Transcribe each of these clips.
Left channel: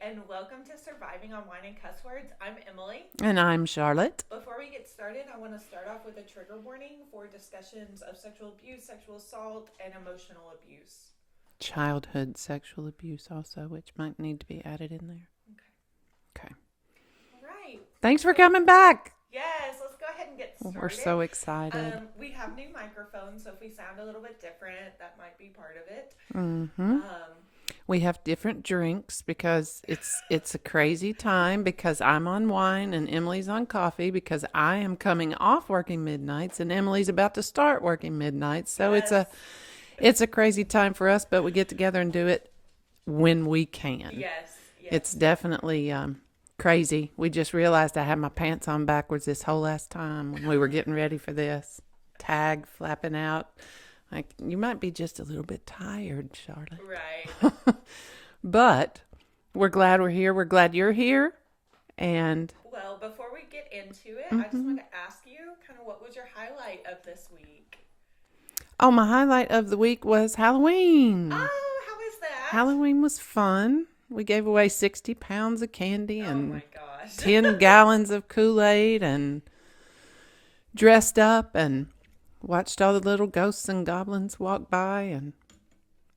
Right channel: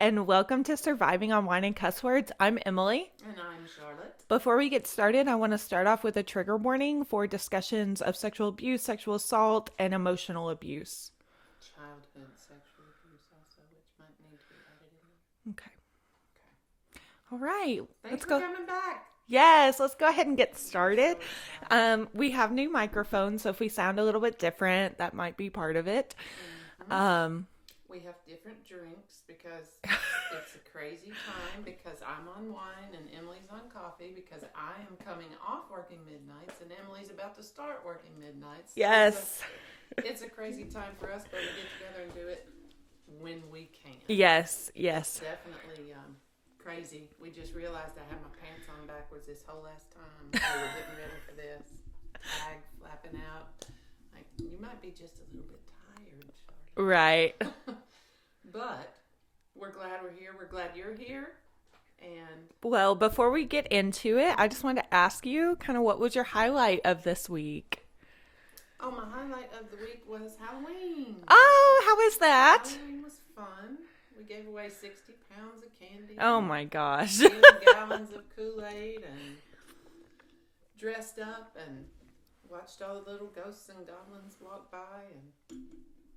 and welcome to Surviving on Wine and Cuss Words. I'm Emily. And I'm Charlotte. Before we get started, I want to start off with a trigger warning for discussions of sexual abuse, sexual assault, and emotional abuse. Childhood sexual abuse also, which might need to be added in there. Okay. All right. Thanks for coming back. Yes, let's go ahead and get started. We're so excited. We have new microphones, so if we sound a little bit different, that might be part of it. Mm-hmm. We have different drinks because it's a crazy time because I'm on wine and Emily's on coffee because I am coming off working midnights and Emily's about to start working midnights. So Yes. it's a crazy time for us, but we get together and do it when we can. Yes. It's definitely crazy. We just realized I had my pants on backwards this whole last time we were getting ready for this. Tag flapping out. Like, you might be just a little bit tired, Charlotte. Right. But we're glad we're here. We're glad you're here. And Well, before we get into it, I just wanted to ask you kind of what was your highlight of this week? oh, my highlight of the week was Halloween. Oh, how is that? Halloween was fun. We gave away 60 pounds of candy. Oh and my gosh. 10 gallons of Kool-Aid and dressed up and watched all the little ghosts and goblins walk by. And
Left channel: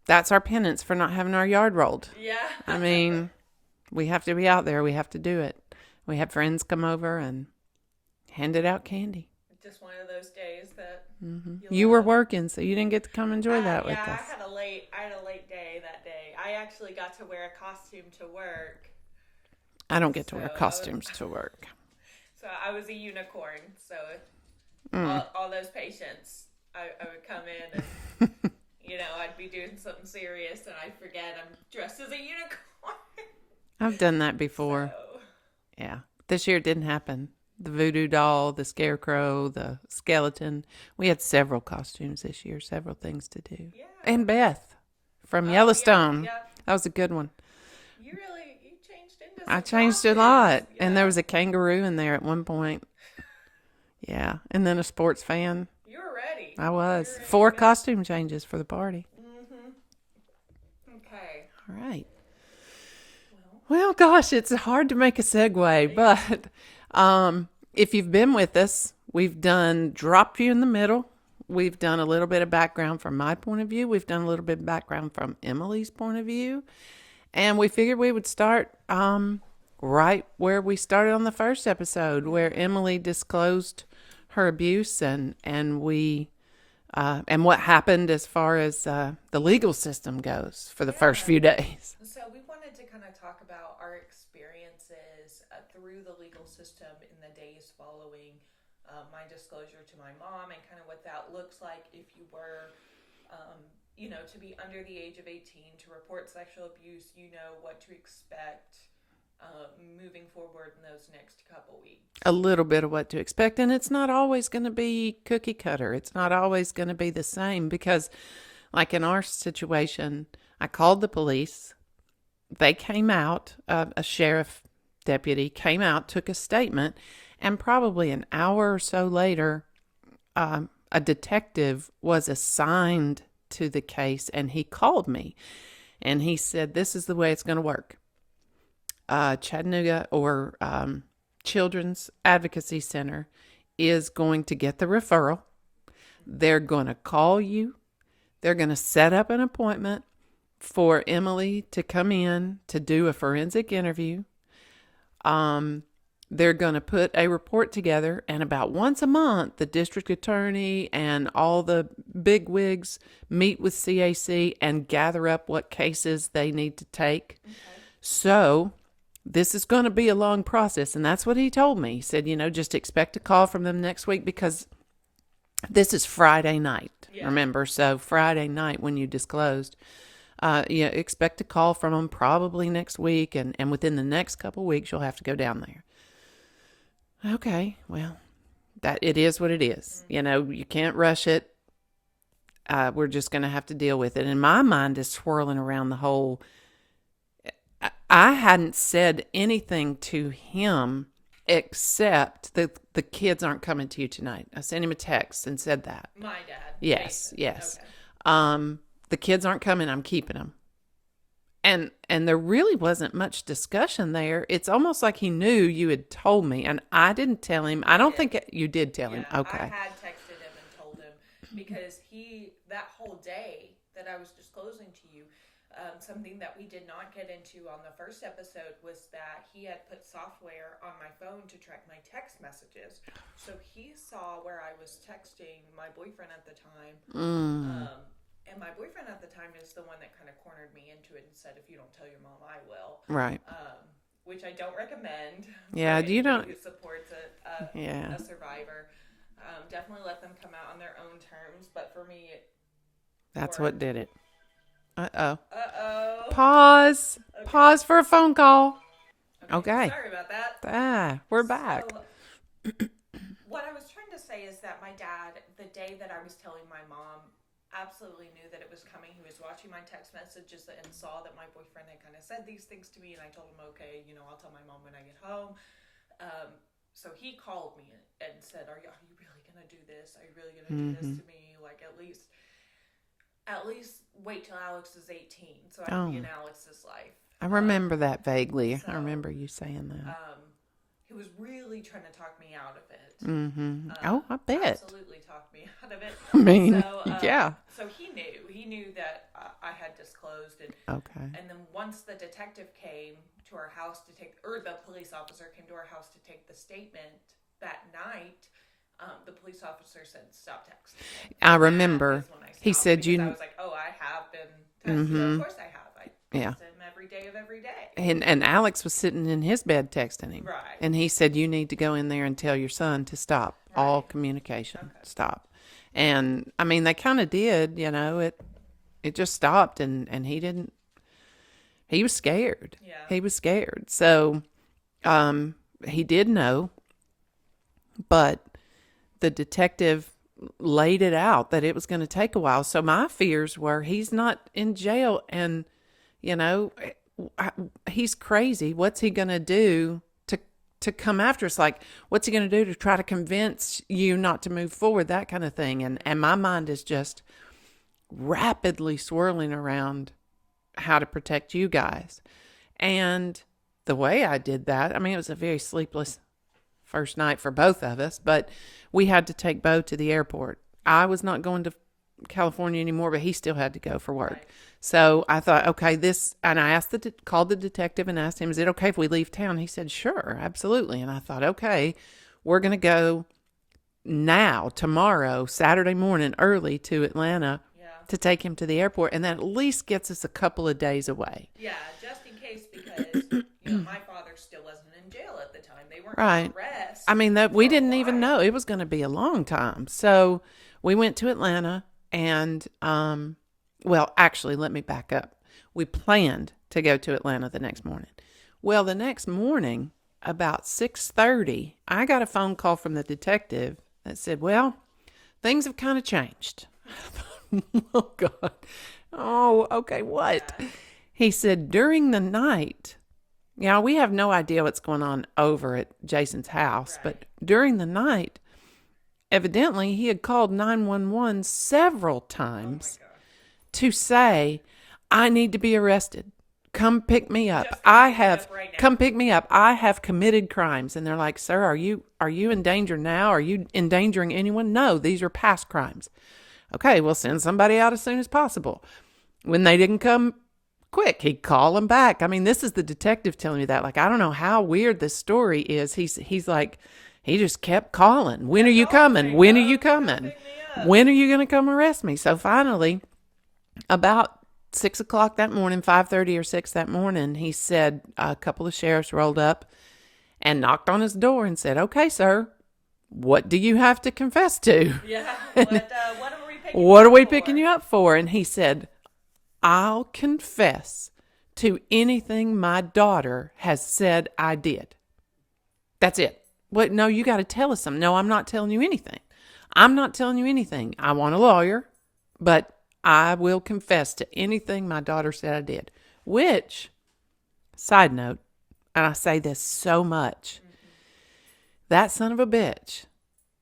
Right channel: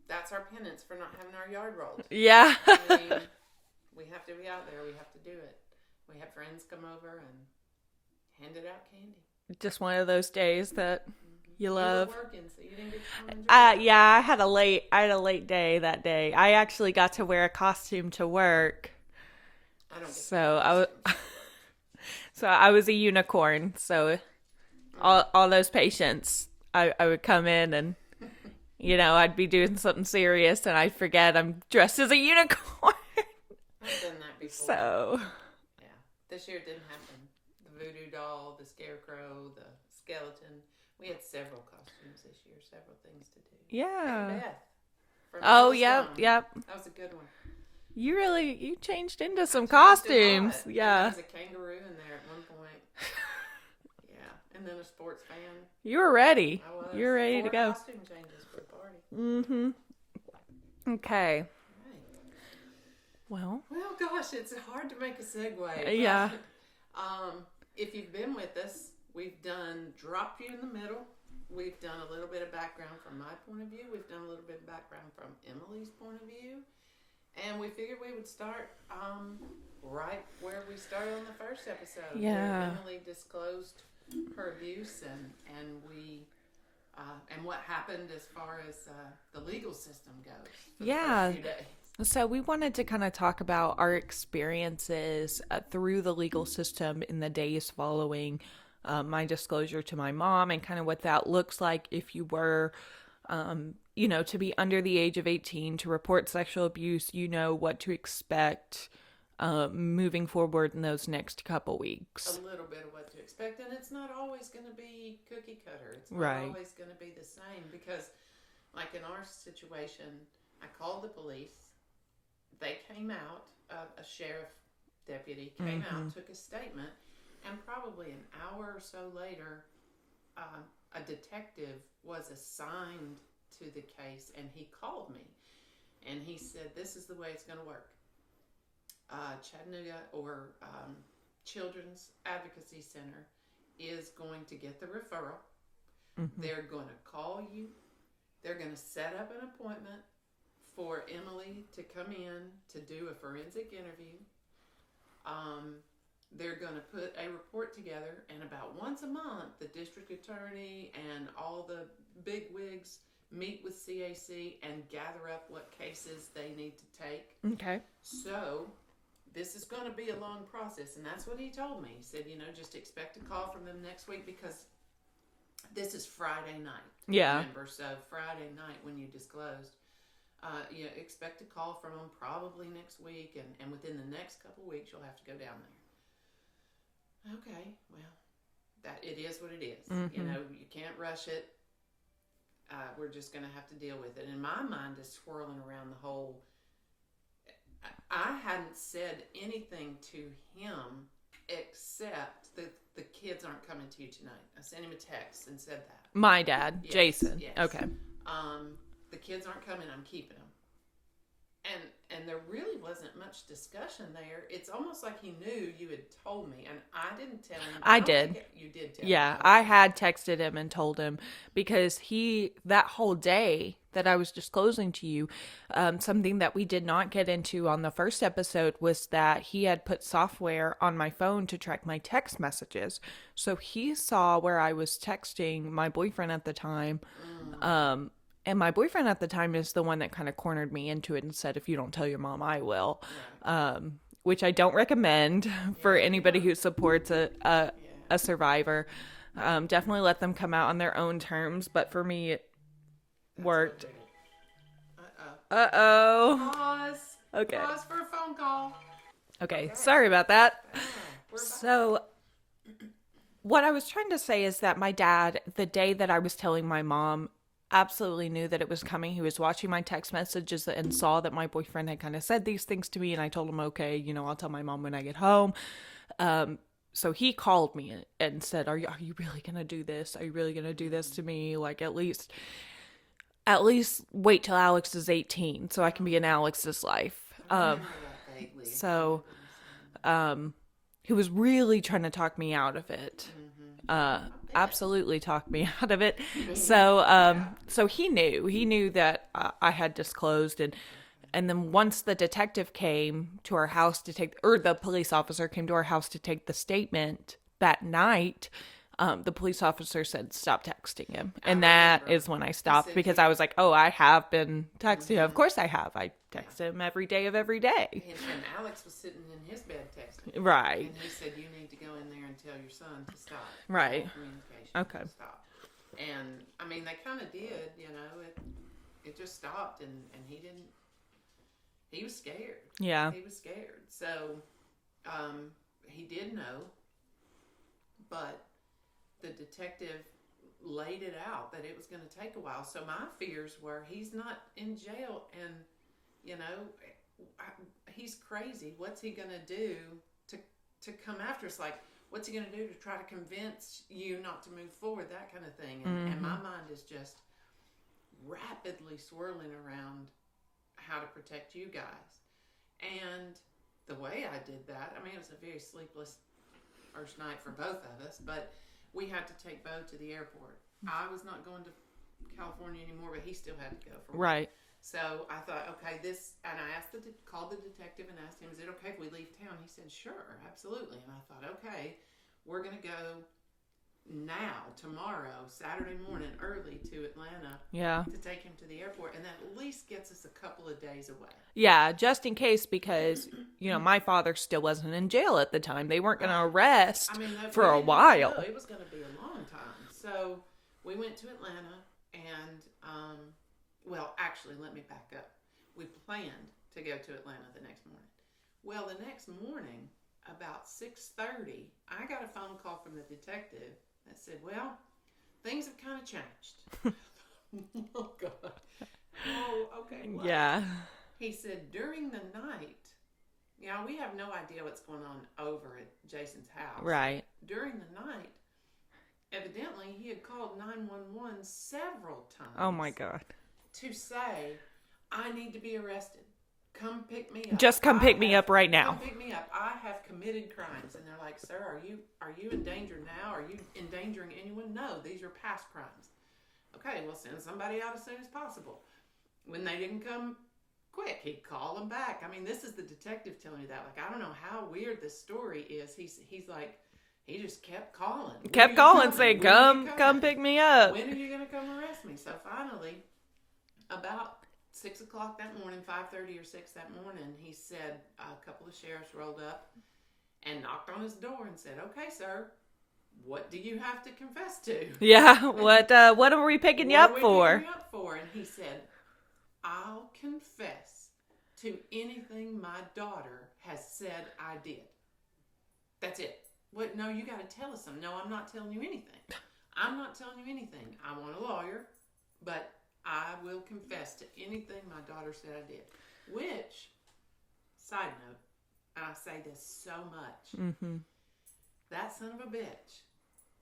that's our penance for not having our yard rolled. Yeah. I mean, we have to be out there. We have to do it. We had friends come over and handed out candy. Just one of those days that you love. You were working, so you didn't get to come enjoy that. Yeah, I had a late day that day. I actually got to wear a costume to work. I don't get to wear So costumes to work. So I was a unicorn. So all those patients, I would come in and, I'd be doing something serious and I forget I'm dressed as a unicorn. I've done that before. So, Yeah. This year it didn't happen. The voodoo doll, the scarecrow, the skeleton. We had several costumes this year, several things to do. yeah. And Beth from Oh, Yellowstone. Yep. That was a good one. You changed into I some changed costumes. a lot. Yeah. And there was a kangaroo in there at one point. Yeah. And then a sports fan. You were ready. I was. You were ready 4 to go. costume changes for the party. Okay. All right. Well, Gosh, it's hard to make a segue, Yeah. but if you've been with us, we've dropped you in the middle. We've done a little bit of background from my point of view. We've done a little bit of background from Emily's point of view. And we figured we would start right where we started on the first episode, where Yeah. Emily disclosed her abuse and we and what happened as far as the legal system goes for the first Yeah. few days. So we wanted to kind of talk about our experiences through the legal system in the days following my disclosure to my mom and kind of what that looks like if you were, to be under the age of 18 to report sexual abuse, what to expect moving forward in those next couple weeks. A little bit of what to expect. And it's not always going to be cookie cutter. It's not Right. always going to be the same because, like in our situation, I called the police. They came out, a sheriff deputy came out, took a statement, and probably an hour or so later, a detective was assigned to the case, and he called me, and he said, "This is the way it's going to work. Chattanooga or Children's Advocacy Center is going to get the referral. They're going to call you. They're going to set up an appointment for Emily to come in to do a forensic interview. They're going to put a report together, and about once a month, the district attorney and all the big wigs meet with CAC and gather up what cases they need to take. Okay. So this is going to be a long process. And that's what he told me. He said, just expect a call from them next week because this is Friday night. Yeah. Remember? So Friday night when you disclosed, expect a call from them probably next week. And within the next couple of weeks, you'll have to go down there. Okay. Well, that it is what it is. You can't rush it. We're just going to have to deal with it. And my mind is swirling around the whole. I hadn't said anything to him except that the kids aren't coming to you tonight. I sent him a text and said that. My dad, Yes, Jason. yes. Okay. The kids aren't coming. I'm keeping them. And there really wasn't much discussion there. It's almost like he knew you had told me, and I didn't tell him. I don't did. think you did tell him. Yeah, Okay. I had texted him and told him because that whole day that I was disclosing to you, something that we did not get into on the first episode was that he had put software on my phone to track my text messages. So he saw where I was texting my boyfriend at the time. And my boyfriend at the time is the one that kind of cornered me into it and said, if you don't tell your mom, I will. Right. Which I don't recommend for anybody who supports a survivor. Definitely let them come out on their own terms. But for me, that's what did it. Uh-oh. Uh-oh. Pause. Okay. Pause for a phone call. Okay. Sorry about that. We're back. So what I was trying to say is that my dad, the day that I was telling my mom, absolutely knew that it was coming. He was watching my text messages and saw that my boyfriend had kind of said these things to me, and I told him, okay, I'll tell my mom when I get home. So he called me and said, are you really going to do this? Are you really going to do this to me? Like, at least wait till Alex is 18 so I can be in Alex's life. I remember that vaguely. So, I remember you saying that. He was really trying to talk me out of it. I bet. Absolutely talked me out of it. I mean, So he knew that I had disclosed, and then once the detective came to our house the police officer came to our house to take the statement that night, the police officer said, stop texting him. And I remember. that is when I stopped because I was like, oh, I have been texting. Of course I have. I text him every day of every day. And Alex was sitting in his bed texting him. Right. And he said, you need to go in there and tell your son to stop all communication. Okay. Stop. And I mean, they kind of did, it just stopped and he was scared. Yeah. He was scared. So, he did know, but the detective laid it out that it was going to take a while. So my fears were he's not in jail and, he's crazy. What's he going to do to come after us? Like, what's he going to do to try to convince you not to move forward? That kind of thing. And my mind is just rapidly swirling around how to protect you guys. And the way I did that, I mean, it was a very sleepless first night for both of us, but we had to take Bo to the airport. I was not going to California anymore, but he still had to go for work. Right. So I thought, okay, and I called the detective and asked him, is it okay if we leave town? He said, sure, absolutely. And I thought, okay, we're going to go tomorrow, Saturday morning, early to Atlanta to take him to the airport. And that at least gets us a couple of days away. Yeah, just in case, because, my father still wasn't in jail at the time. They weren't going to arrest. I mean, we didn't even know. It was going to be a long time. So we went to Atlanta and, actually, let me back up. We planned to go to Atlanta the next morning. Well, the next morning, about 6:30, I got a phone call from the detective that said, well, things have kind of changed. Oh, God. Oh, okay, what? Yeah. He said, during the night, we have no idea what's going on over at Jason's house. Right. But during the night, evidently, he had called 911 several times. Oh, my God. To say, I need to be arrested. Come pick me up. Just come pick me up right now. Come pick me up. I have committed crimes. And they're like, sir, are you in danger now? Are you endangering anyone? No, these are past crimes. Okay, we'll send somebody out as soon as possible. When they didn't come quick, he'd call them back. I mean, this is the detective telling me that. Like, I don't know how weird this story is. He's like, he just kept calling. When are you coming? When are you coming? Come pick me up. When are you going to come arrest me? So finally, about 6 o'clock that morning, 5:30 or 6 that morning, he said a couple of sheriffs rolled up and knocked on his door and said, okay, sir, what do you have to confess to? Yeah. What are we picking you up for? What are we picking you up for? And he said, I'll confess to anything my daughter has said I did. That's it. What? No, you got to tell us something. No, I'm not telling you anything. I'm not telling you anything. I want a lawyer, but I will confess to anything my daughter said I did. Which, side note, and I say this so much, that son of a bitch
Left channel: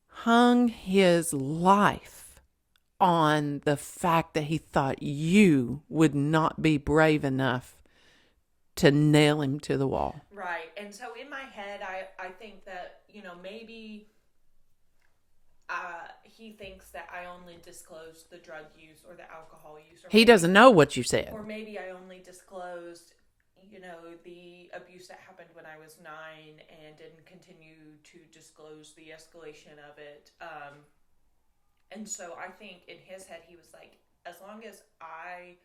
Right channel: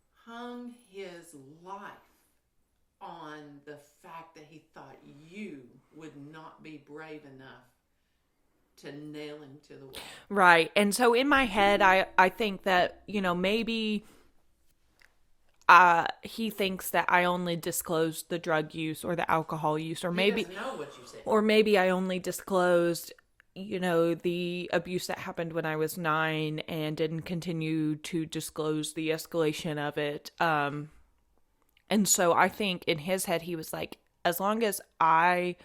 hung his life on the fact that he thought you would not be brave enough to nail him to the wall. Right. And so in my head, I think that, maybe he thinks that I only disclosed the drug use or the alcohol use, or He maybe doesn't know what you said. or maybe I only disclosed, the abuse that happened when I was 9 and didn't continue to disclose the escalation of it. And so I think in his head, he was like, as long as I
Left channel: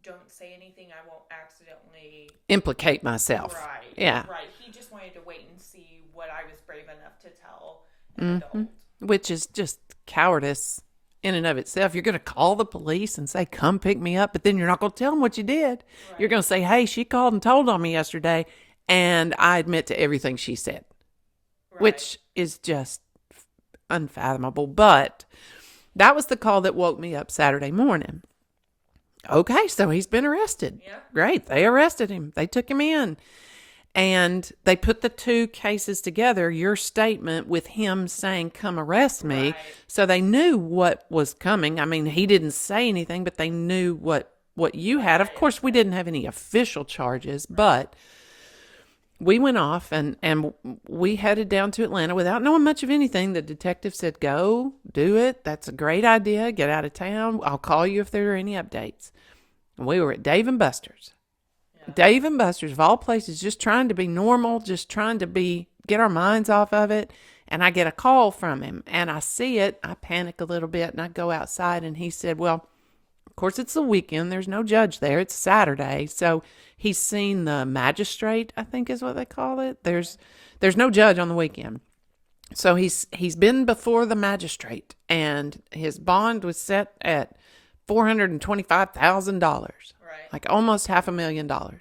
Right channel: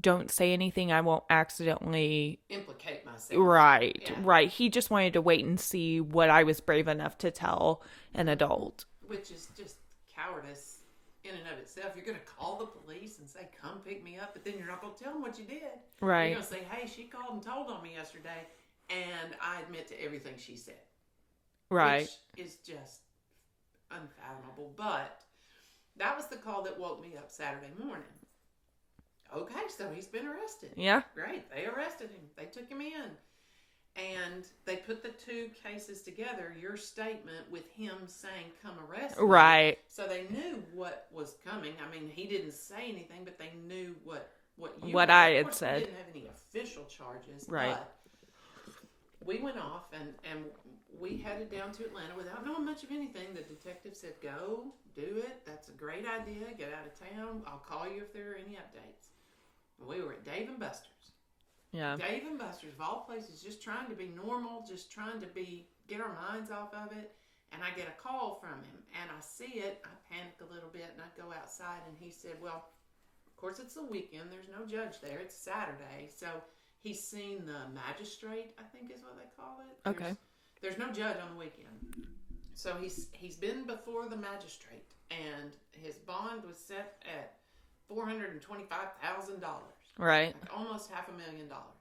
don't say anything, I won't accidentally Implicate myself. Right. Yeah. Right. He just wanted to wait and see what I was brave enough to tell an adult. Which is just cowardice in and of itself. You're going to call the police and say, come pick me up, but then you're not going to tell them what you did. Right. You're going to say, hey, she called and told on me yesterday, and I admit to everything she said. Right. Which is just unfathomable. But that was the call that woke me up Saturday morning. Okay, so he's been arrested. Yeah. Great. They arrested him. They took him in. And they put the two cases together, your statement with him saying, come arrest me. Right. So they knew what was coming. I mean, he didn't say anything, but they knew what you What had. I Of had course, we said. didn't have any official charges, Right. but we went off and we headed down to Atlanta without knowing much of anything. The detective said, go, do it. That's a great idea. Get out of town. I'll call you if there are any updates. And we were at Dave & Buster's. Yeah. Dave & Buster's, of all places, just trying to be normal, just trying to get our minds off of it. And I get a call from him and I see it. I panic a little bit and I go outside and he said, well, of course it's the weekend. There's no judge there. It's Saturday. So he's seen the magistrate, I think is what they call it. There's no judge on the weekend. So he's been before the magistrate and his bond was set at $425,000. Right. Like almost $500,000.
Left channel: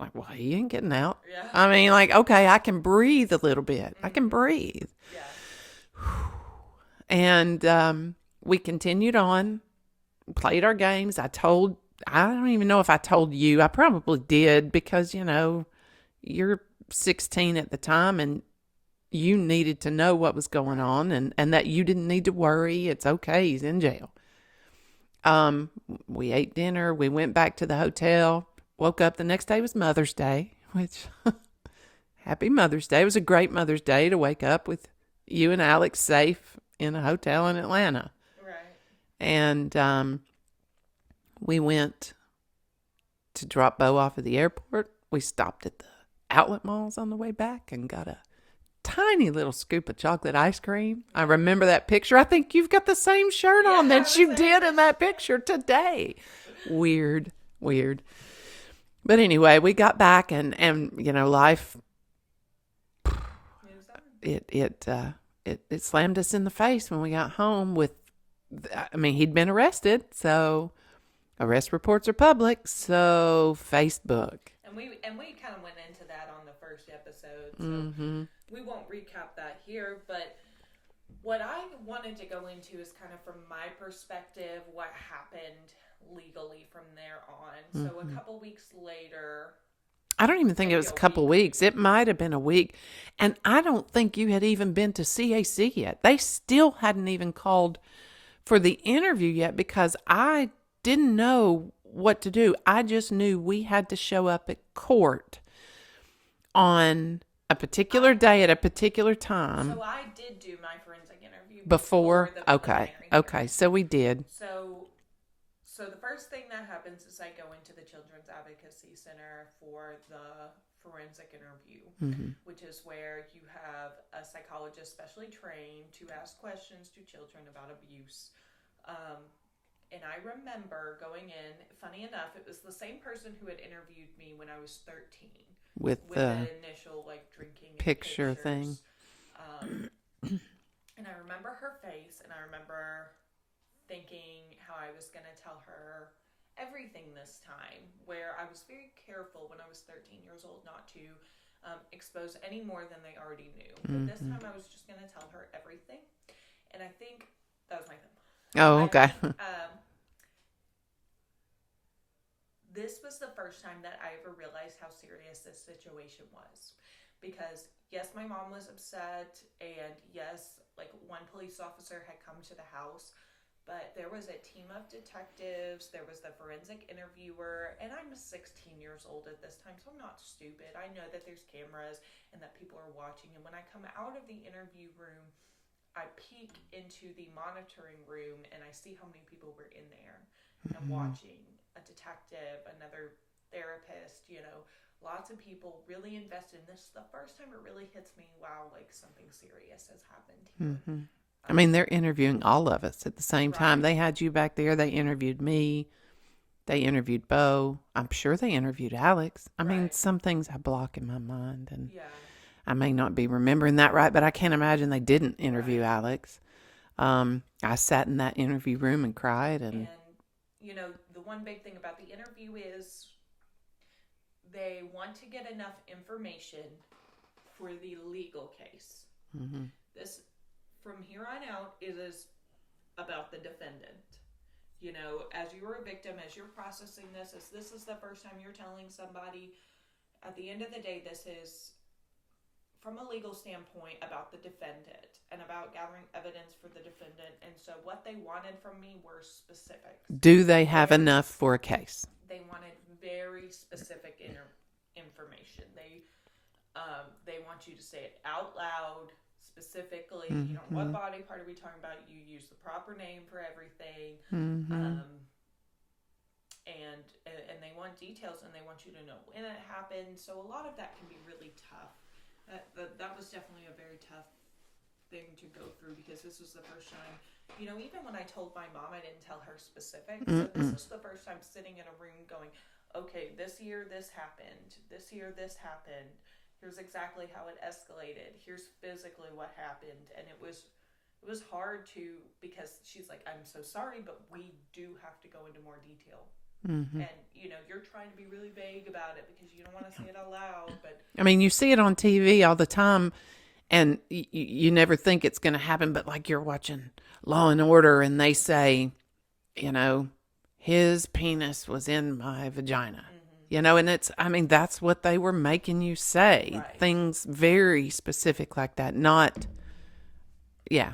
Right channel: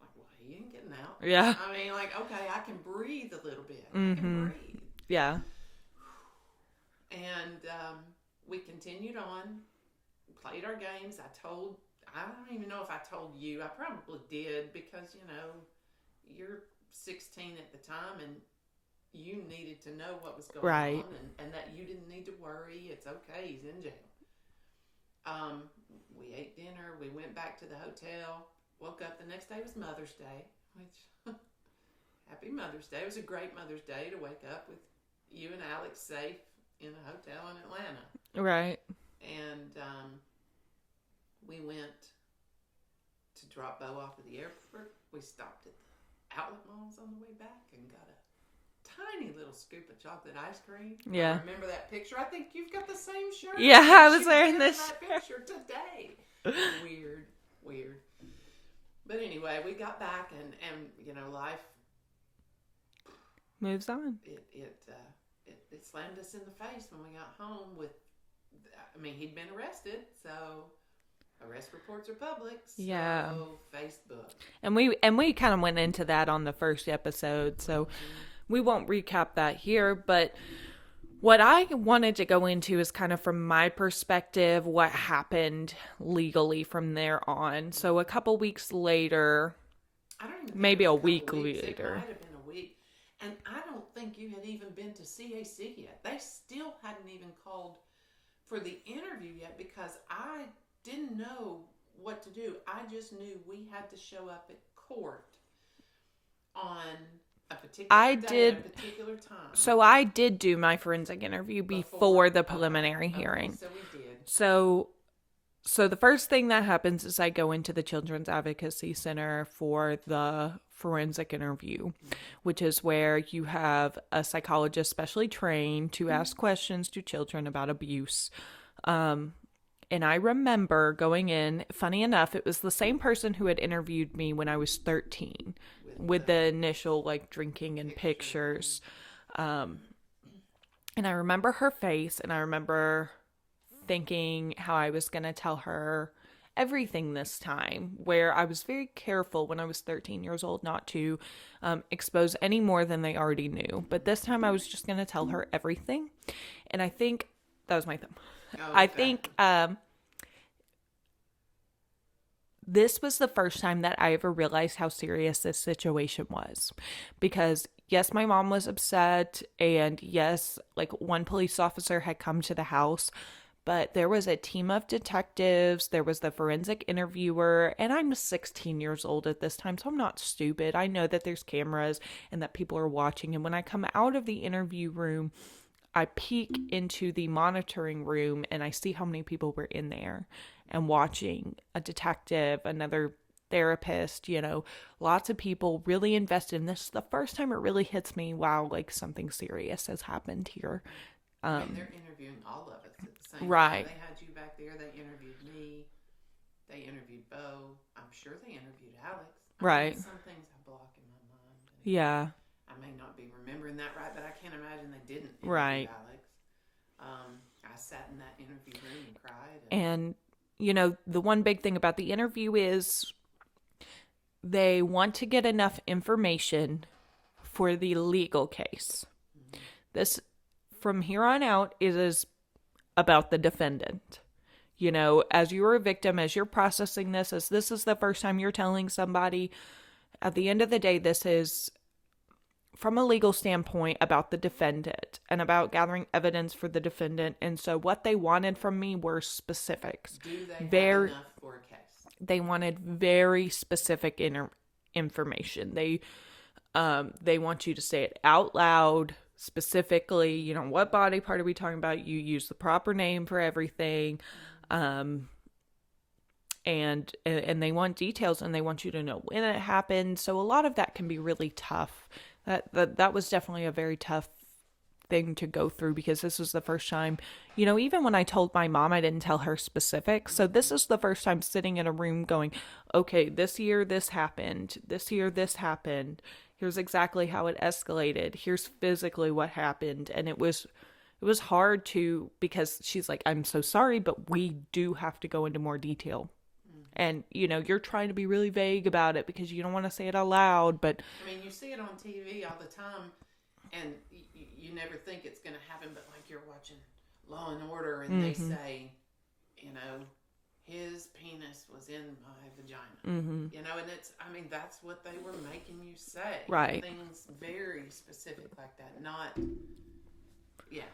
Like, well, he ain't getting out. Yeah. I mean, like, okay, I can breathe a little bit. I can breathe. Yeah. And we continued on, played our games. I don't even know if I told you. I probably did because, you're 16 at the time and you needed to know what was going on and that you didn't need to worry. It's okay. He's in jail. We ate dinner. We went back to the hotel. Woke up. The next day was Mother's Day, which happy Mother's Day. It was a great Mother's Day to wake up with you and Alex safe in a hotel in Atlanta. Right. And we went to drop Bo off at the airport. We stopped at the outlet malls on the way back and got a tiny little scoop of chocolate ice cream. Yeah. I remember that picture. I think you've got the same shirt Yeah, on I that was you wearing did this in that picture today. Weird. But anyway, we got back and life Moves on. it slammed us in the face when we got home he'd been arrested, so arrest reports are public, so Facebook. And we kind of went into that on the first episode, so we won't recap that here, but what I wanted to go into is kind of from my perspective, what happened legally from there on. So a couple weeks later, I don't even think maybe it was a a couple week weeks. It later. might have been a week. And I don't think you had even been to CAC yet. They still hadn't even called for the interview yet because I didn't know what to do. I just knew we had to show up at court on a particular day at a particular time. So I did do my forensic interview before the preliminary hearing. Okay, so we did. So the first thing that happens is I go into the Children's Advocacy Center for the forensic interview, which is where you have a psychologist specially trained to ask questions to children about abuse. And I remember going in, funny enough, it was the same person who had interviewed me when I was 13 with the initial drinking and pictures. And I remember her face and I remember thinking how I was going to tell her everything this time, where I was very careful when I was 13 years old not to expose any more than they already knew. But this time I was just going to tell her everything. And I think that was my thumb. Oh, okay. I think this was the first time that I ever realized how serious this situation was. Because, yes, my mom was upset. And, yes, one police officer had come to the house. but there was a team of detectives, there was the forensic interviewer, and I'm 16 years old at this time, so I'm not stupid. I know that there's cameras and that people are watching, and when I come out of the interview room, I peek into the monitoring room and I see how many people were in there and watching. A detective, another therapist, lots of people really invested. And this is the first time it really hits me, wow, like something serious has happened here. I mean, they're interviewing all of us at the same time. Right. They had you back there. They interviewed me. They interviewed Bo. I'm sure they interviewed Alex. I mean, Right. some things I block in my mind, and Yeah. I may not be remembering that right, but I can't imagine they didn't interview Right. Alex. I sat in that interview room and cried. And, the one big thing about the interview is they want to get enough information for the legal case. This, from here on out, it is about the defendant. As you're a victim, as you're processing this, as this is the first time you're telling somebody, at the end of the day, this is, from a legal standpoint, about the defendant and about gathering evidence for the defendant. And so what they wanted from me were specifics. Do they have enough for a case? They wanted very specific information. They want you to say it out loud, specifically, what body part are we talking about? You use the proper name for everything. And they want details, and they want you to know when it happened. So a lot of that can be really tough. That was definitely a very tough thing to go through, because this was the first time, even when I told my mom, I didn't tell her specifics. So this is the first time sitting in a room going, okay, this year this happened. This year this happened. Here's exactly how it escalated. Here's physically what happened. And it was hard because she's like, I'm so sorry, but we do have to go into more detail. And, you're trying to be really vague about it because you don't want to say it out loud. But I mean, you see it on TV all the time, and you never think it's going to happen. But like, you're watching Law and Order, and they say, his penis was in my vagina, and that's what they were making you say. Right. Things very specific like that. Not, yeah.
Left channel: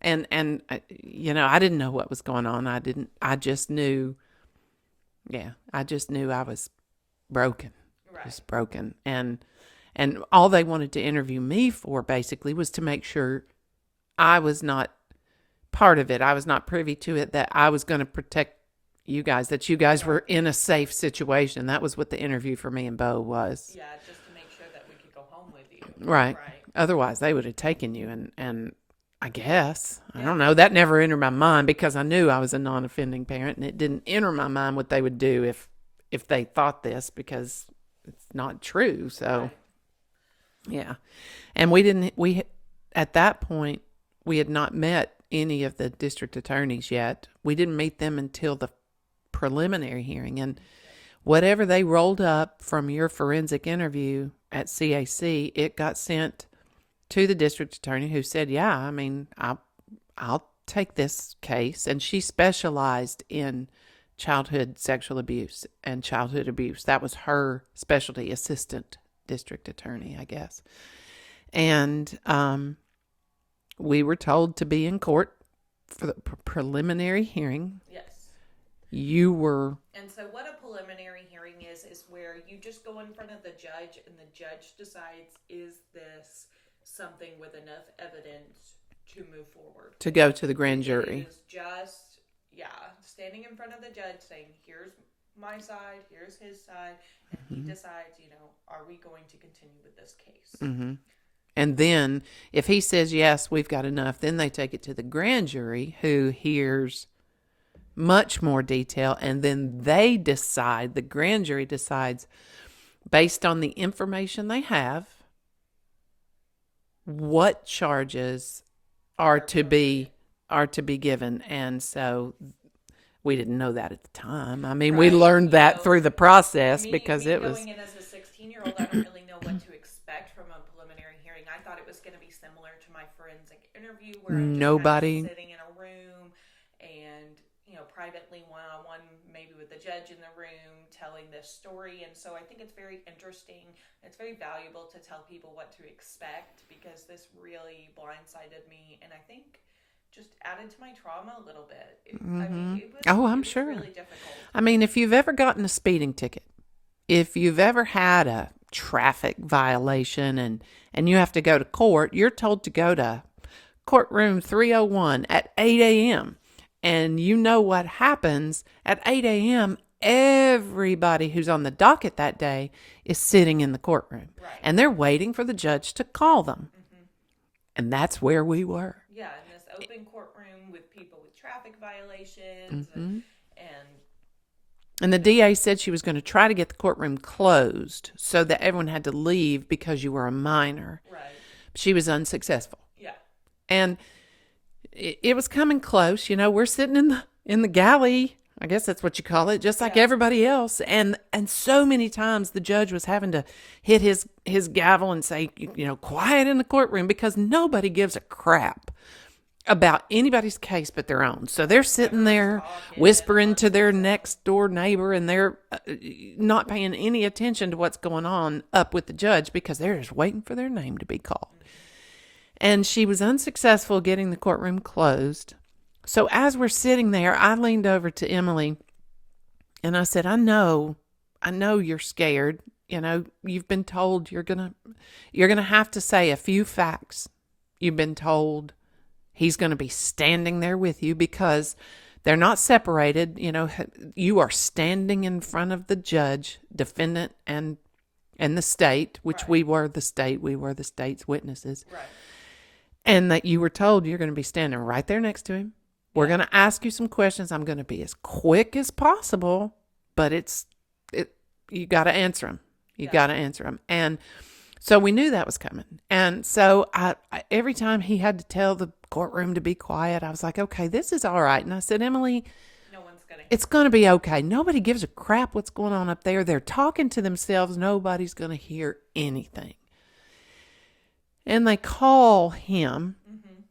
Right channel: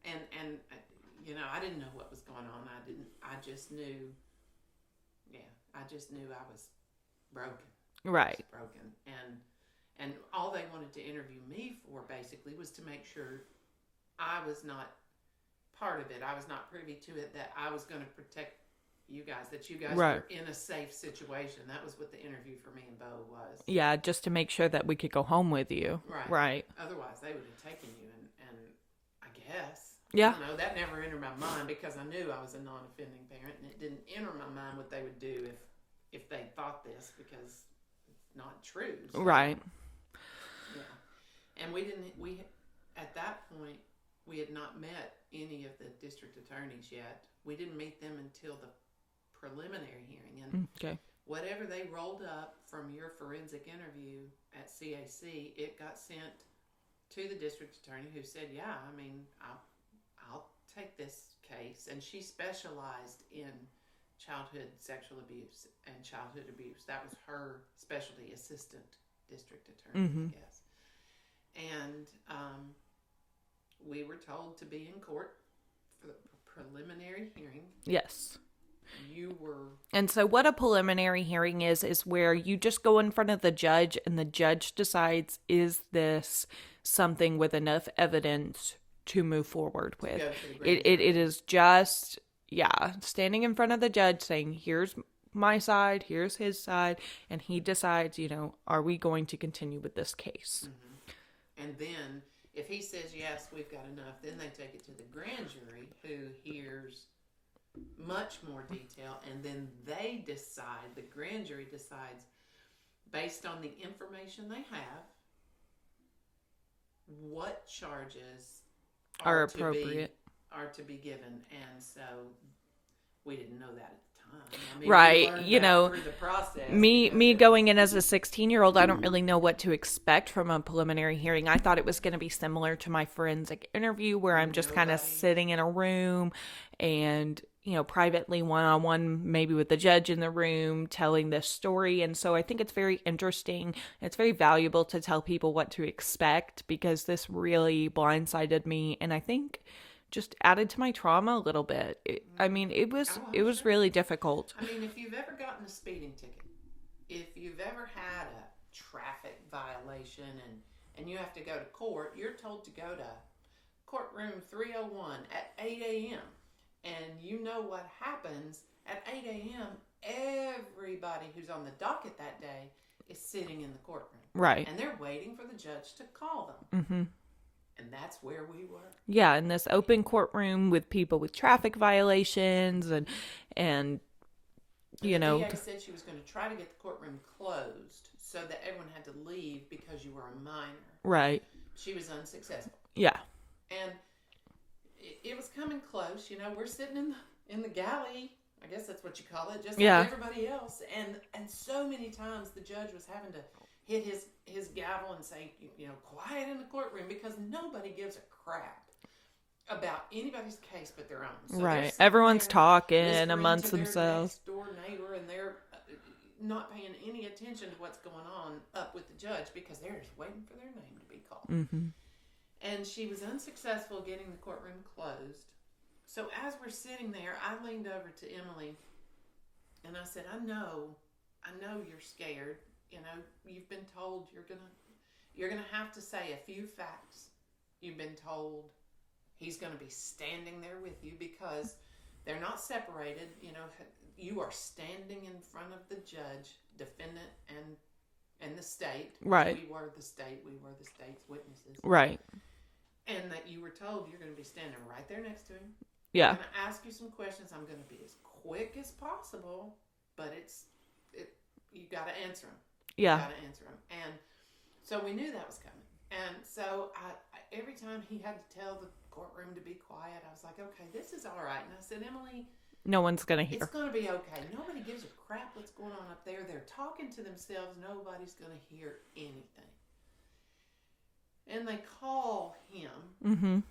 And I didn't know what was going on. I just knew I was broken. Right. I was broken. And all they wanted to interview me for basically was to make sure I was not part of it. I was not privy to it, that I was going to protect you guys, that you guys were in a safe situation. That was what the interview for me and Bo was. Yeah, just to make sure that we could go home with you. Right. Otherwise, they would have taken you, and I guess. Yeah. I don't know. That never entered my mind because I knew I was a non-offending parent, and it didn't enter my mind what they would do if they thought this, because it's not true. So, Right. Yeah. And we at that point, we had not met any of the district attorneys yet. We didn't meet them until the preliminary hearing. And whatever they rolled up from your forensic interview at CAC, it got sent to the district attorney, who said, yeah, I mean, I'll take this case. And she specialized in childhood sexual abuse and childhood abuse. That was her specialty, assistant district attorney, I guess. And we were told to be in court for the preliminary hearing. Yes. You were. And so what a preliminary hearing is where you just go in front of the judge, and the judge decides, is this something with enough evidence to move forward To with? go to the grand jury. It is just, standing in front of the judge saying, here's my side, here's his side, and he decides, are we going to continue with this case? Mm-hmm. And then if he says, yes, we've got enough, then they take it to the grand jury, who hears much more detail. And then they decide, the grand jury decides, based on the information they have, what charges are to be given. And so we didn't know that at the time. I mean, we learned that through the process. Me going in as a 16-year-old, I don't really know what to expect from a preliminary hearing. I thought it was going to be similar to my forensic interview, where I'm just kind of sitting in a room and, privately one-on-one, maybe with the judge in the room, telling this story. And so I think it's very interesting. It's very valuable to tell people what to expect, because this really blindsided me. And I think just added to my trauma a little bit. I mean, Oh, I'm it was sure. really difficult. I mean, if you've ever gotten a speeding ticket, if you've ever had a traffic violation and you have to go to court, you're told to go to courtroom 301 at 8 a.m. And you know what happens at 8 a.m. Everybody who's on the docket that day is sitting in the courtroom. Right. And they're waiting for the judge to call them. Mm-hmm. And that's where we were. Yeah, in this open courtroom with people with traffic violations and the DA said she was going to try to get the courtroom closed so that everyone had to leave because you were a minor. Right. She was unsuccessful. Yeah. And it was coming close. We're sitting in the galley. I guess that's what you call it, just like everybody else. And so many times the judge was having to hit his gavel and say, quiet in the courtroom, because nobody gives a crap about anybody's case but their own. So they're sitting Everyone's there talking whispering to their themselves. next door neighbor, and they're not paying any attention to what's going on up with the judge because they're just waiting for their name to be called. Mm-hmm. And she was unsuccessful getting the courtroom closed. So as we're sitting there, I leaned over to Emily and I said, I know you're scared. You've been told you're going to have to say a few facts. You've been told he's going to be standing there with you because they're not separated. You are standing in front of the judge, defendant, and the state, which we were the state's witnesses. Right. And that you were told you're going to be standing right there next to him. We're going to ask you some questions. I'm going to be as quick as possible, but you got to answer them. You got to answer them. And so we knew that was coming. And so I every time he had to tell the courtroom to be quiet, I was like, okay, this is all right. And I said, Emily, no one's going to hear. It's going to be okay. Nobody gives a crap what's going on up there. They're talking to themselves. Nobody's going to hear anything. And they call him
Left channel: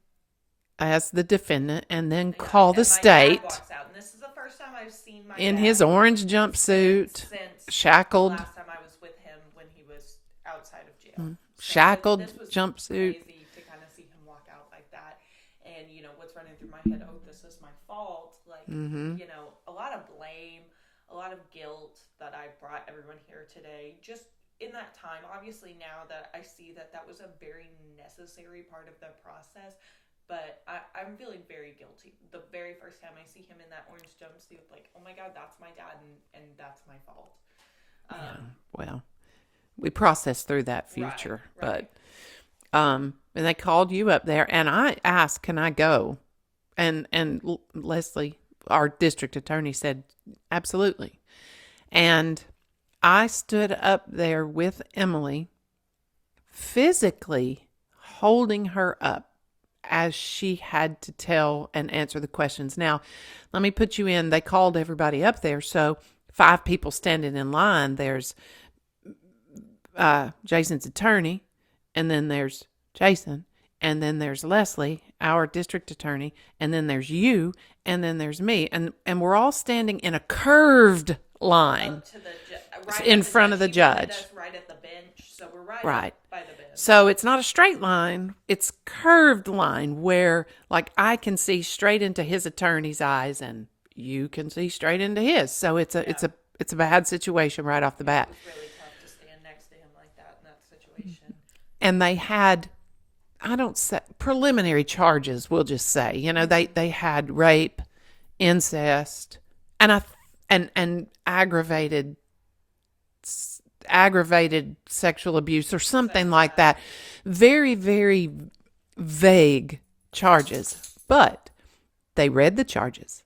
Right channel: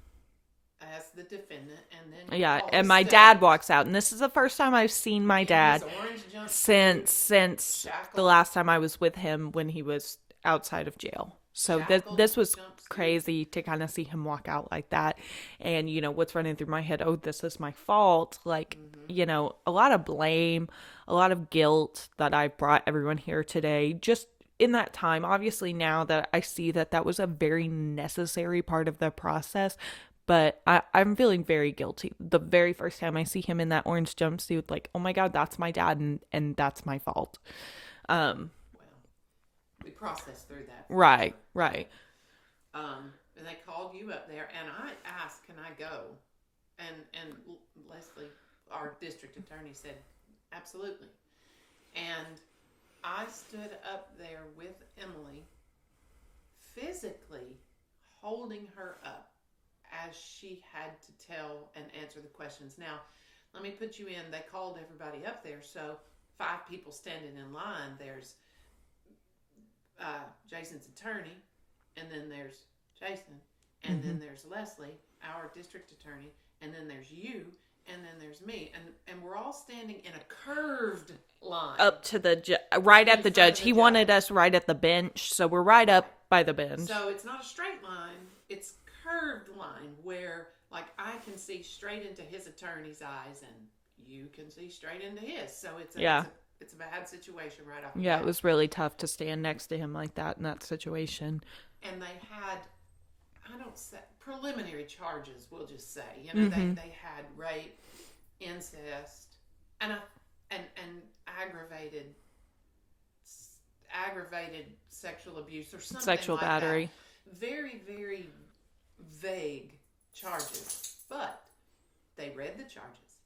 as the defendant, and then call the state. And my dad walks out, and this is the first time I've seen my dad in his orange jumpsuit, since shackled. The last time I was with him when he was outside of jail. So shackled. This was jumpsuit. Crazy to kind of see him walk out like that, and what's running through my head? Oh, this is my fault. Like a lot of blame, a lot of guilt that I brought everyone here today. Just in that time, obviously now that I see that was a very necessary part of the process. But I'm feeling very guilty. The very first time I see him in that orange jumpsuit, like, oh my God, that's my dad, and that's my fault. Well, we processed through that future. Right. And they called you up there, and I asked, can I go? And Leslie, our district attorney, said, absolutely. And I stood up there with Emily, physically holding her up as she had to tell and answer the questions. Now, let me put you in. They called everybody up there. So 5 people standing in line. There's Jason's attorney, and then there's Jason, and then there's Leslie, our district attorney, and then there's you, and then there's me. And we're all standing in a curved line. Up to the right at the judge. He wanted us right at the bench, so we're right up by the bench. So it's not a straight line, it's curved line where like I can see straight into his attorney's eyes and you can see straight into his. So it's a bad situation right off the bat. It was really tough to stand next to him like that in that situation. And they had preliminary charges, we'll just say. They had rape, incest, and aggravated sexual abuse or something Sexual like battery. that. Very, very vague charges. But they read the charges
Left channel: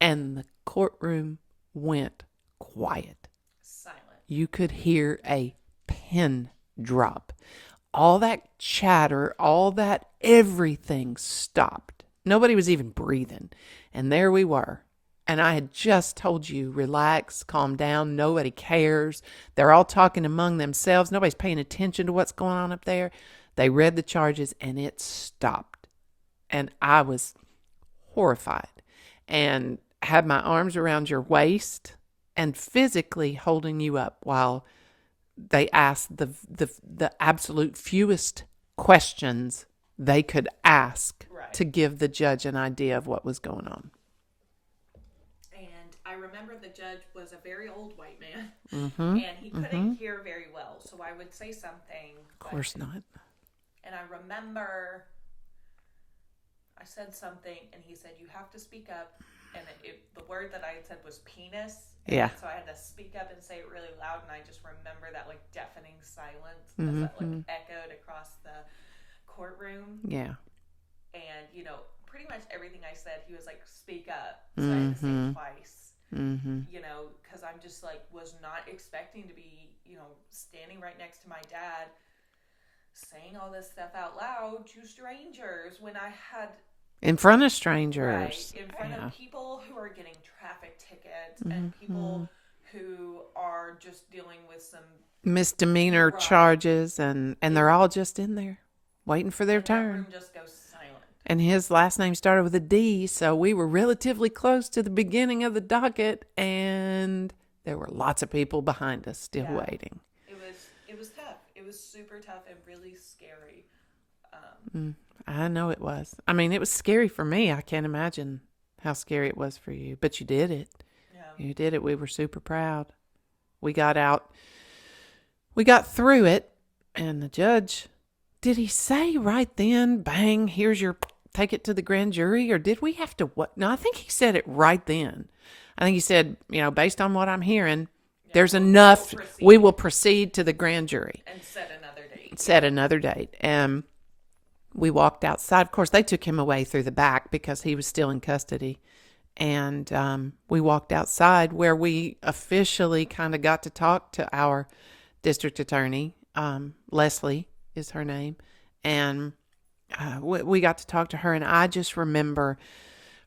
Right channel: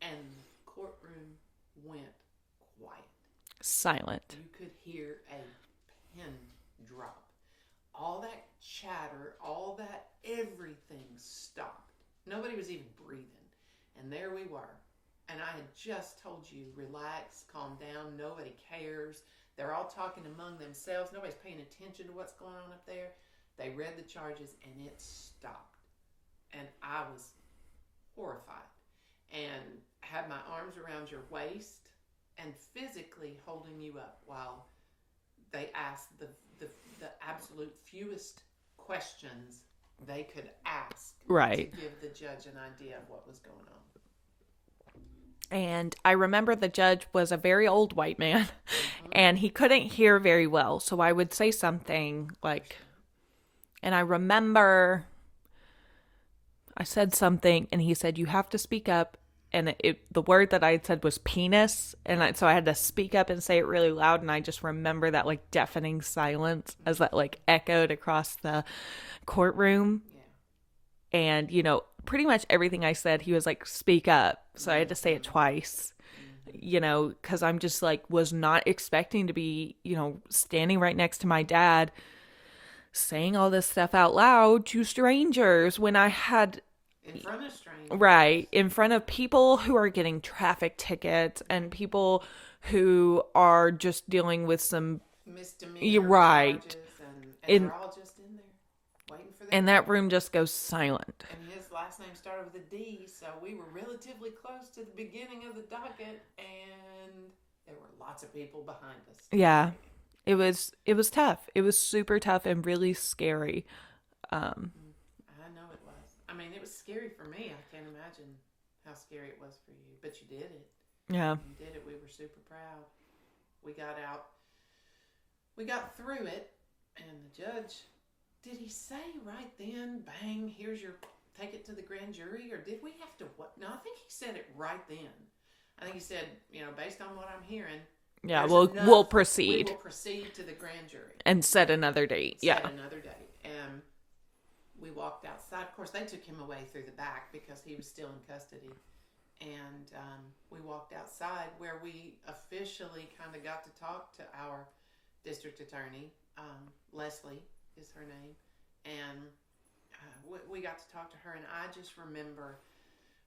and the courtroom went quiet. Silent. You could hear a pin drop. All that chatter, all that everything stopped. Nobody was even breathing. And there we were. And I had just told you, relax, calm down. Nobody cares. They're all talking among themselves. Nobody's paying attention to what's going on up there. They read the charges and it stopped. And I was horrified and had my arms around your waist and physically holding you up while they asked the absolute fewest questions they could ask Right. to give the judge an idea of what was going on. And I remember the judge was a very old white man, Mm-hmm. and he couldn't hear very well. So I would say something Of course like, not. and I remember I said something, and he said, "You have to speak up." And the word that I had said was penis. And Yeah. so I had to speak up and say it really loud. And I just remember that like deafening silence as that like echoed across the courtroom. Yeah. And, you know, pretty much everything I said, he was like, speak up. So I had to say it twice, you know, because I'm just like, was not expecting to be, you know, standing right next to my dad saying all this stuff out loud to strangers when I had, In front of strangers. right, in front of people who are getting traffic tickets and people who are just dealing with some Misdemeanor Right. charges, and they're all just in there waiting for their and turn. that room just goes silent. And his last name started with a D, so we were relatively close to the beginning of the docket, and there were lots of people behind us still waiting. It was tough. It was super tough and really scary. I know it was. I mean, it was scary for me. I can't imagine how scary it was for you, but you did it. Yeah. You did it. We were super proud. We got out. We got through it, and the judge, did he say right then, bang, here's your, take it to the grand jury, or did we have to what? No, I think he said it right then. I think he said, you know, based on what I'm hearing, Yeah, there's we'll enough. proceed. We will proceed to the grand jury. And set another date. Set another date. And we walked outside. Of course, they took him away through the back because he was still in custody. And we walked outside where we officially kind of got to talk to our district attorney. Leslie is her name. And we got to talk to her. And I just remember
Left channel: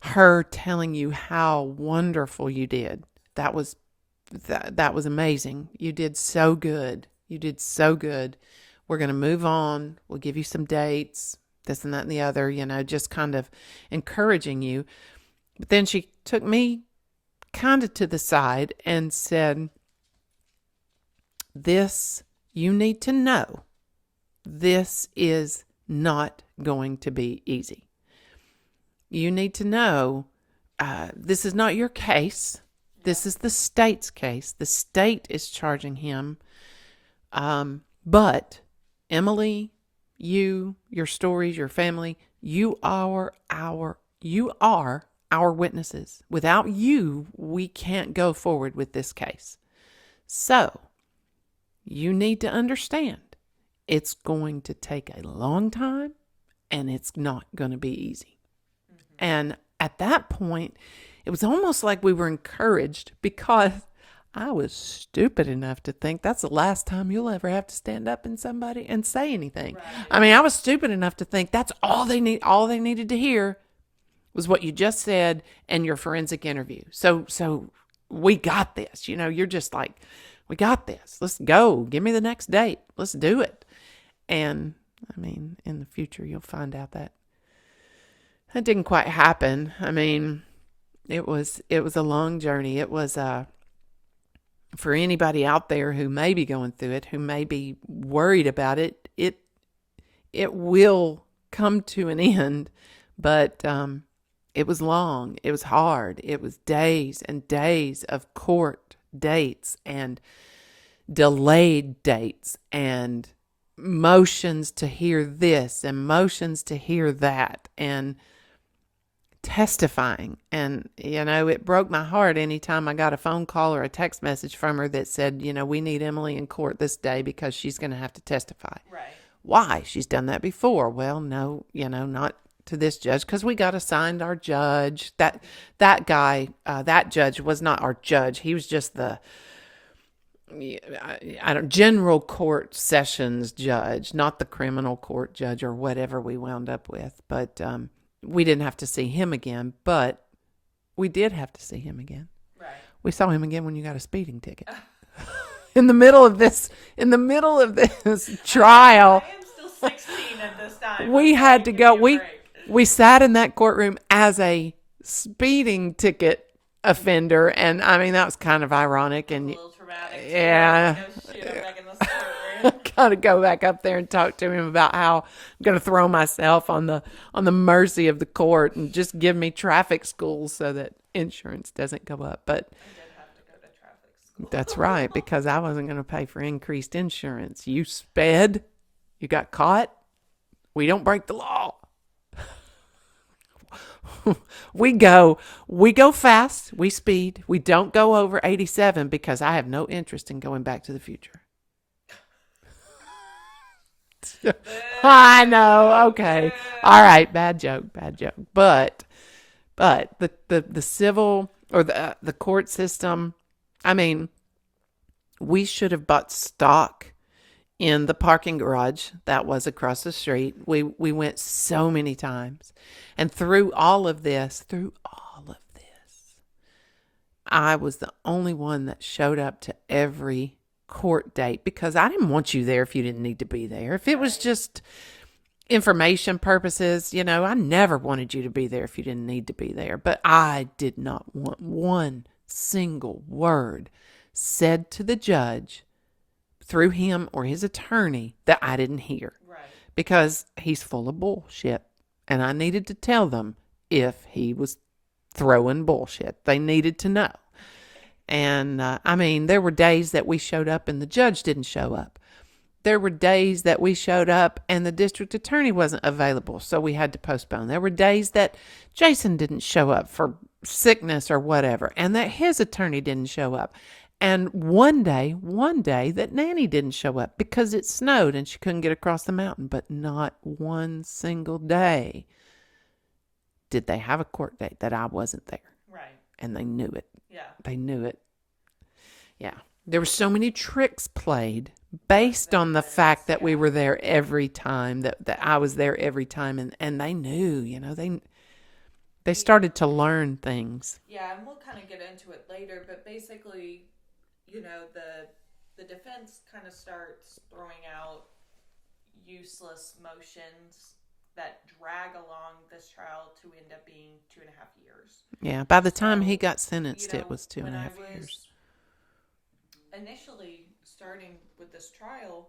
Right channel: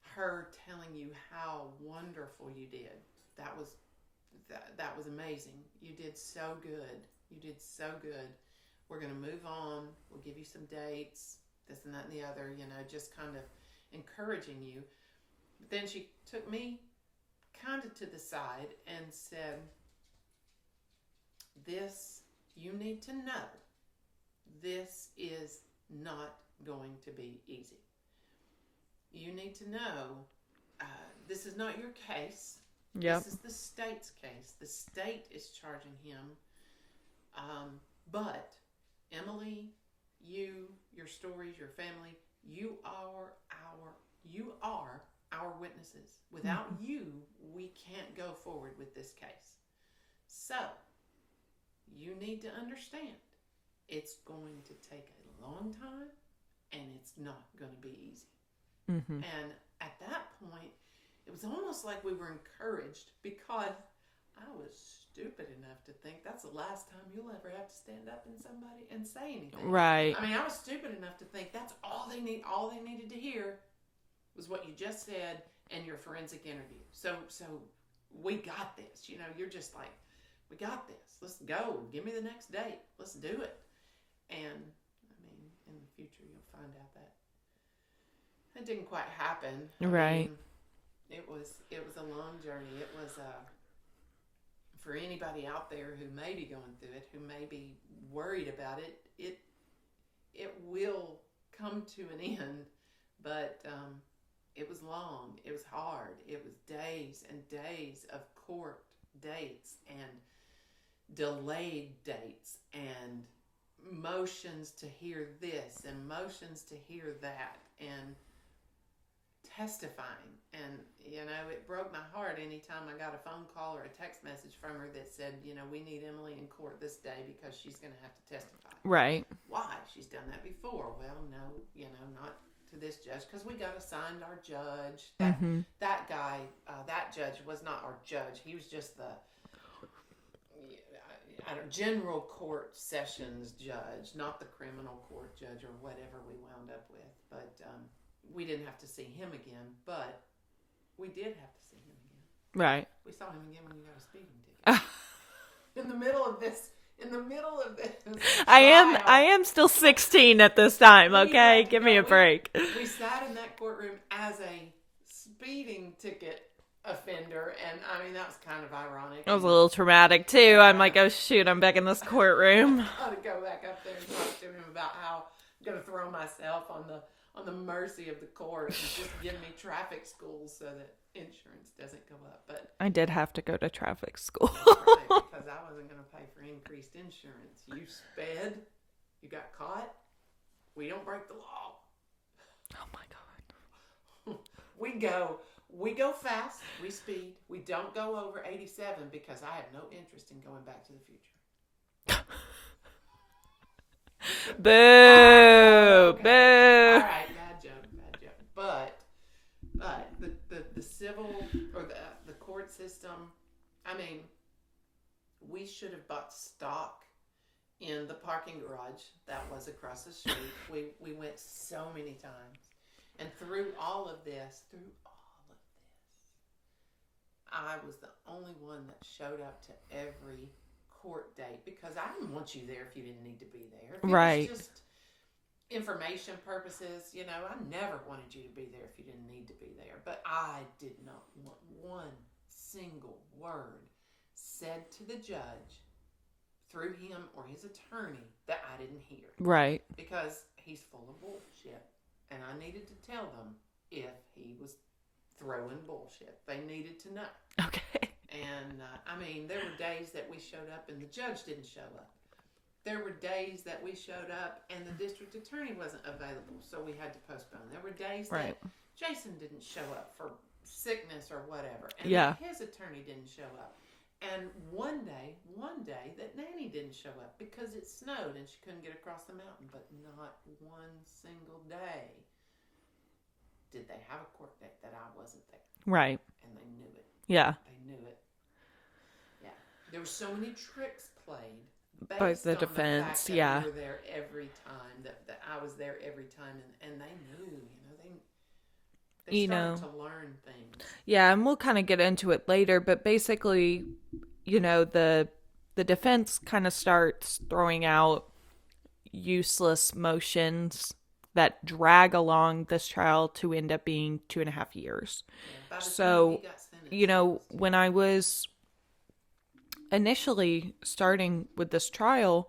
her telling you how wonderful you did. That was amazing. You did so good. You did so good. We're going to move on. We'll give you some dates, this and that and the other, you know, just kind of encouraging you. But then she took me kind of to the side and said, this, you need to know, this is not going to be easy. You need to know, this is not your case. Yep. This is the state's case. The state is charging him. But Emily, you, your stories, your family, you are our witnesses. Without you, we can't go forward with this case. So you need to understand it's going to take a long time and it's not going to be easy. Mm-hmm. And at that point, it was almost like we were encouraged because I was stupid enough to think that's the last time you'll ever have to stand up in somebody and say anything. Right. I mean, I was stupid enough to think that's all they needed to hear was what you just said and your forensic interview. So we got this. You know, you're just like, we got this. Let's go. Give me the next date. Let's do it. And I mean, in the future, you'll find out that didn't quite happen. I mean, it was a long journey. It was for anybody out there who may be going through it, who may be worried about it, it will come to an end. But it was long. It was hard. It was days and days of court dates and delayed dates and motions to hear this and motions to hear that and testifying. And, you know, it broke my heart anytime I got a phone call or a text message from her that said, you know, we need Emily in court this day because she's going to have to testify. Right. Why? She's done that before. Well, no, you know, not to this judge because we got assigned our judge. That guy, that judge was not our judge. He was just the general court sessions judge, not the criminal court judge or whatever we wound up with. But we didn't have to see him again, but we did have to see him again. Right. We saw him again when you got a speeding ticket. In the middle of this trial. I am still 16 at this time. We okay? had to Give go. me a break. We sat in that courtroom as a speeding ticket offender. And I mean, that was kind of ironic. It was a And little traumatic too. I'm like, yeah, oh shoot, I'm back in this courtroom. gotta go back up there and talk to him about how I'm gonna throw myself on the mercy of the court and just give me traffic school so that insurance doesn't go up. But I did have to go to traffic school. that's right, because I wasn't gonna pay for increased insurance. You sped, you got caught. We don't break the law. We go fast, we speed. We don't go over 87 because I have no interest in going back to the future. Boo. I know. Okay. Boo. All right. Bad joke. But the civil or the court system, I mean, we should have bought stock in the parking garage that was across the street. We went so many times. And through all of this, I was the only one that showed up to every court date because I didn't want you there if you didn't need to be there. If it was just information purposes, I never wanted you to be there if you didn't need to be there. But I did not want one single word said to the judge through him or his attorney that I didn't hear. Right. Because he's full of bullshit. And I needed to tell them if he was throwing bullshit. They needed to know. Okay. And I mean, there were days that we showed up and the judge didn't show up. There were days that we showed up and the district attorney wasn't available, so we had to postpone. There were days that Jason didn't show up for sickness or whatever, and that his attorney didn't show up. And one day that Nanny didn't show up because it snowed and she couldn't get across the mountain. But not one single day did they have a court date that I wasn't there. Right. And they knew it. Yeah. They knew it. Yeah. There were so many tricks played based on the fact that we were there every time, that I was there every time. And they knew, they started to learn things. Yeah, and we'll kind of get into it later, but basically, the defense kind of starts throwing out useless motions that drag along this trial to end up being 2.5 years. Yeah, by the time he got sentenced, it was 2.5 when I was initially starting with this trial,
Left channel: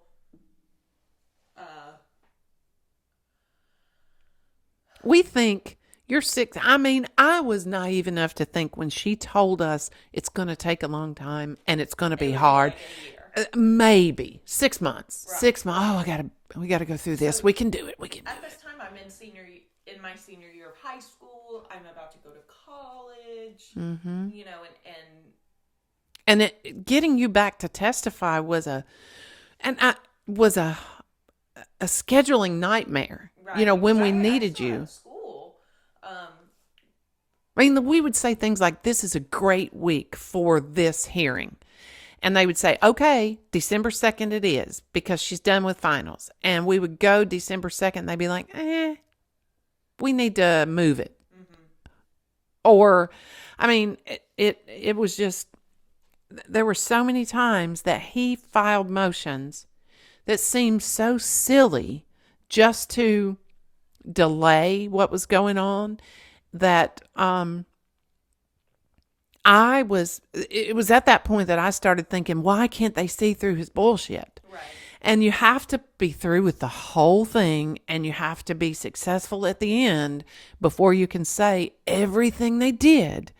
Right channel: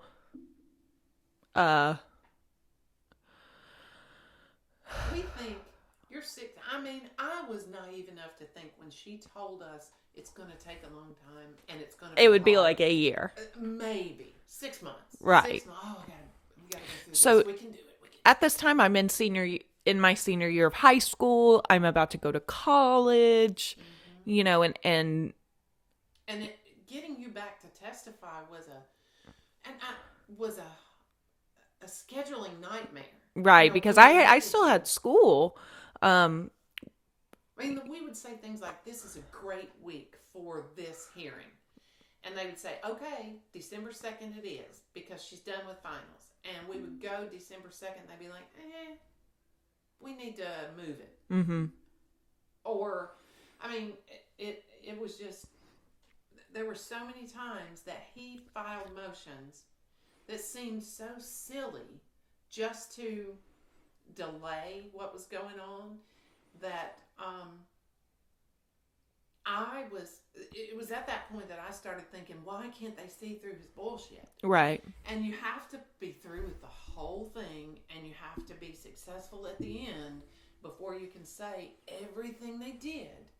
we think you're 6. I mean, I was naive enough to think when she told us it's going to take a long time and it's going to be hard. It would be like a year. Maybe 6 months. Right. 6 months. Oh, we got to go through this. We can do it. At this time, I'm in my senior year of high school. I'm about to go to college, and getting you back to testify was a scheduling nightmare. Right. Because when I still had school. I mean, we would say things like, this is a great week for this hearing. And they would say, okay, December 2nd it is, because she's done with finals. And we would go December 2nd, and they'd be like, we need to move it. Mm-hmm. Or, I mean, it was just, there were so many times that he filed motions that seemed so silly just to delay what was going on, that it was at that point that I started thinking, why can't they see through his bullshit? Right. And you have to be through with the whole thing, and you have to be successful at the end before you can say everything they did.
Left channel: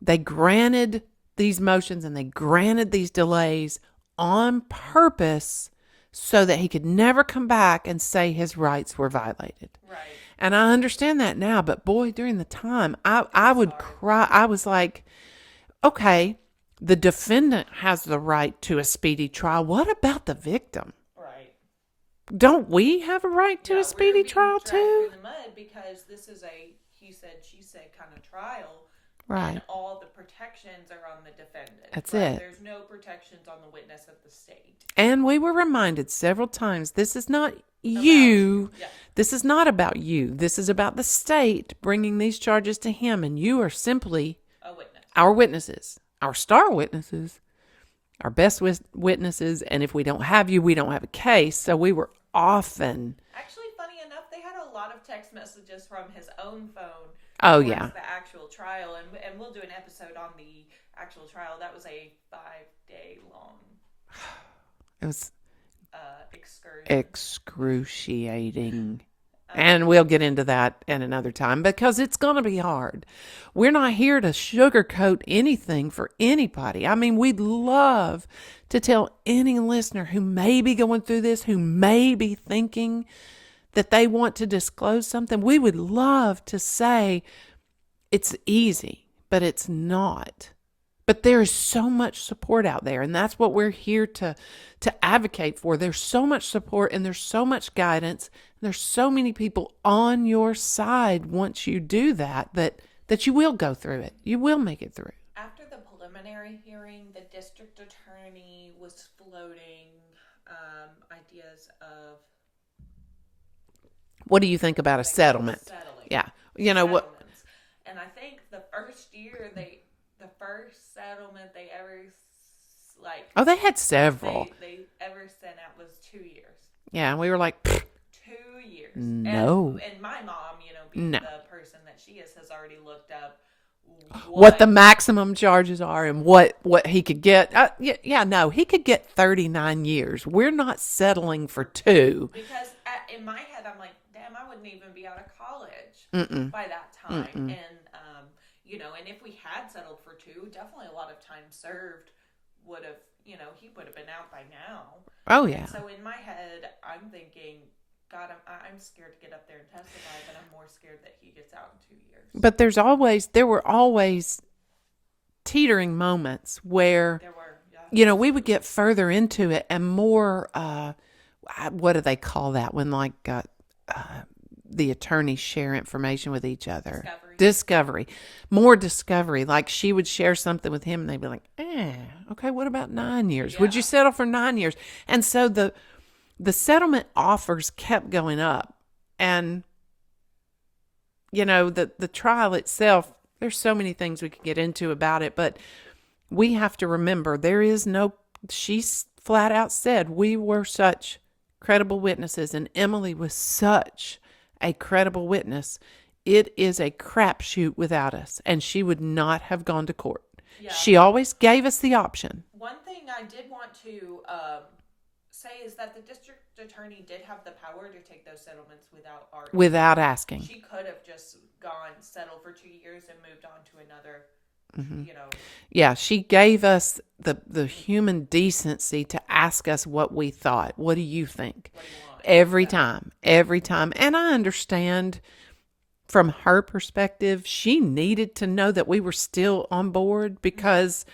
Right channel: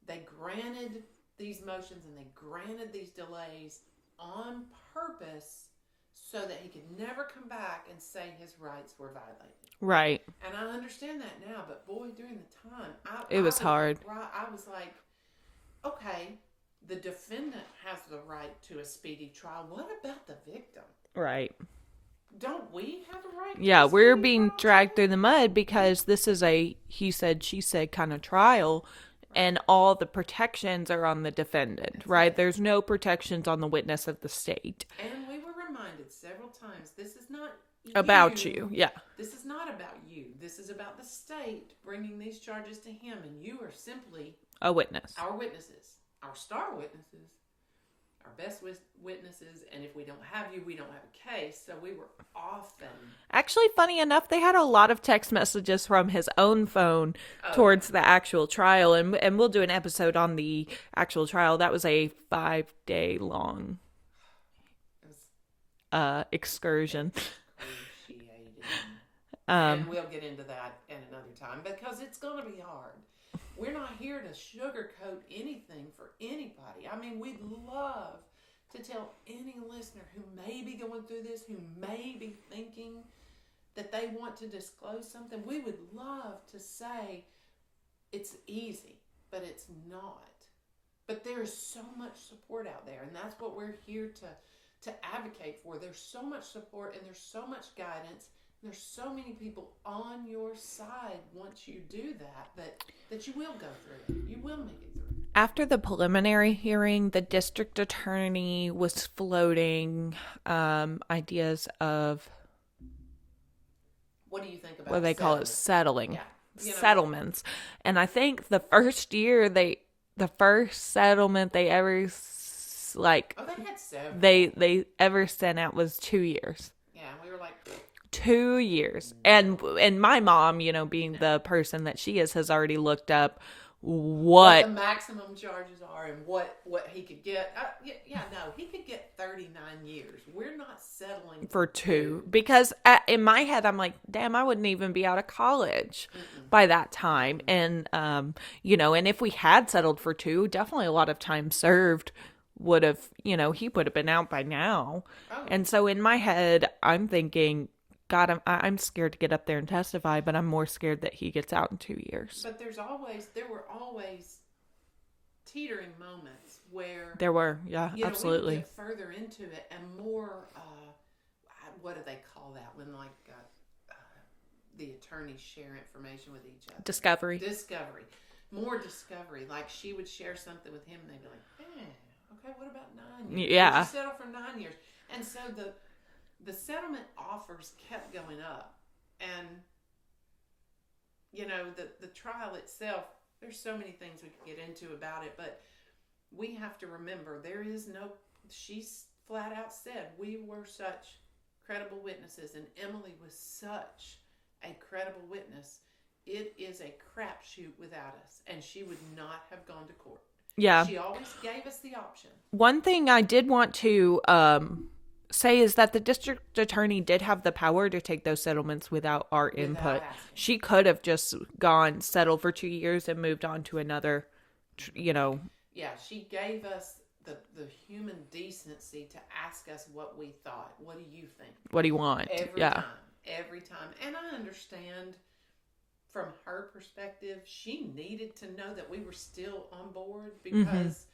They granted these motions and they granted these delays on purpose so that he could never come back and say his rights were violated. Right. And I understand that now, but boy, during the time, I would hard. cry. I was like, okay, the defendant has the right to a speedy trial. What about the victim? Right. Don't we have a right to a speedy trial? Yeah, we're being dragged too? through the mud because this is a he said, she said kind of trial. Right. And all the protections are on the defendant. That's right. There's no protections on the witness of the state. And we were reminded several times, this is not about you. Yeah. This is not about you. This is about the state bringing these charges to him. And you are simply a witness. Our witnesses, our star witnesses, our best witnesses. And if we don't have you, we don't have a case. So we were often. Actually, funny enough, they had a lot of text messages from his own phone Oh, towards yeah. the actual trial, and we'll do an episode on the actual trial. That was a 5-day long It was excursion. excruciating. And Um, we'll get into that at another time because it's going to be hard. We're not here to sugarcoat anything for anybody. I mean, we'd love to tell any listener who may be going through this, who may be thinking that they want to disclose something. We would love to say it's easy, but it's not. But there is so much support out there, and that's what we're here to advocate for. There's so much support and there's so much guidance. There's so many people on your side once you do that you will go through it. You will make it through. After the preliminary hearing, the district attorney was floating ideas of What do you think about what a they call it, settlement? settling. Yeah. You know what? Settlements. And I think the first year the first settlement they ever Oh, they had several. they ever sent out was 2 years. Yeah, and we were like, "Pfft, 2 years. No. And my mom, being No. the person that she is, has already looked up what the maximum charges are and what he could get. No, he could get 39 years. We're not settling for two. because in my head I'm like, damn, I wouldn't even be out of college by that time. And and if we had settled for 2, definitely a lot of time served would have, he would have been out by now. Oh, yeah. And so in my head I'm thinking, God, I'm scared to get up there and testify, but I'm more scared that he gets out in 2 years. But there were always teetering moments where There were, yeah. we would absolutely. get further into it and more, what do they call that when the attorneys share information with each other? Discovery. More discovery. Like she would share something with him and they'd be like, okay, what about 9 years? Yeah. Would you settle for 9 years? And so the settlement offers kept going up. And, the trial itself, there's so many things we could get into about it, but we have to remember she's flat out said, we were such credible witnesses and Emily was such a credible witness. It is a crapshoot without us, and she would not have gone to court. Yeah. She always gave us the option. One thing I did want to say is that the district attorney did have the power to take those settlements without our input. Without asking. She could have just settled for 2 years and moved on to another, Yeah, she gave us the human decency to ask us what we thought. What do you think? What do you want? Every Yeah. time. And I understand from her perspective, she needed to know that we were still on board because,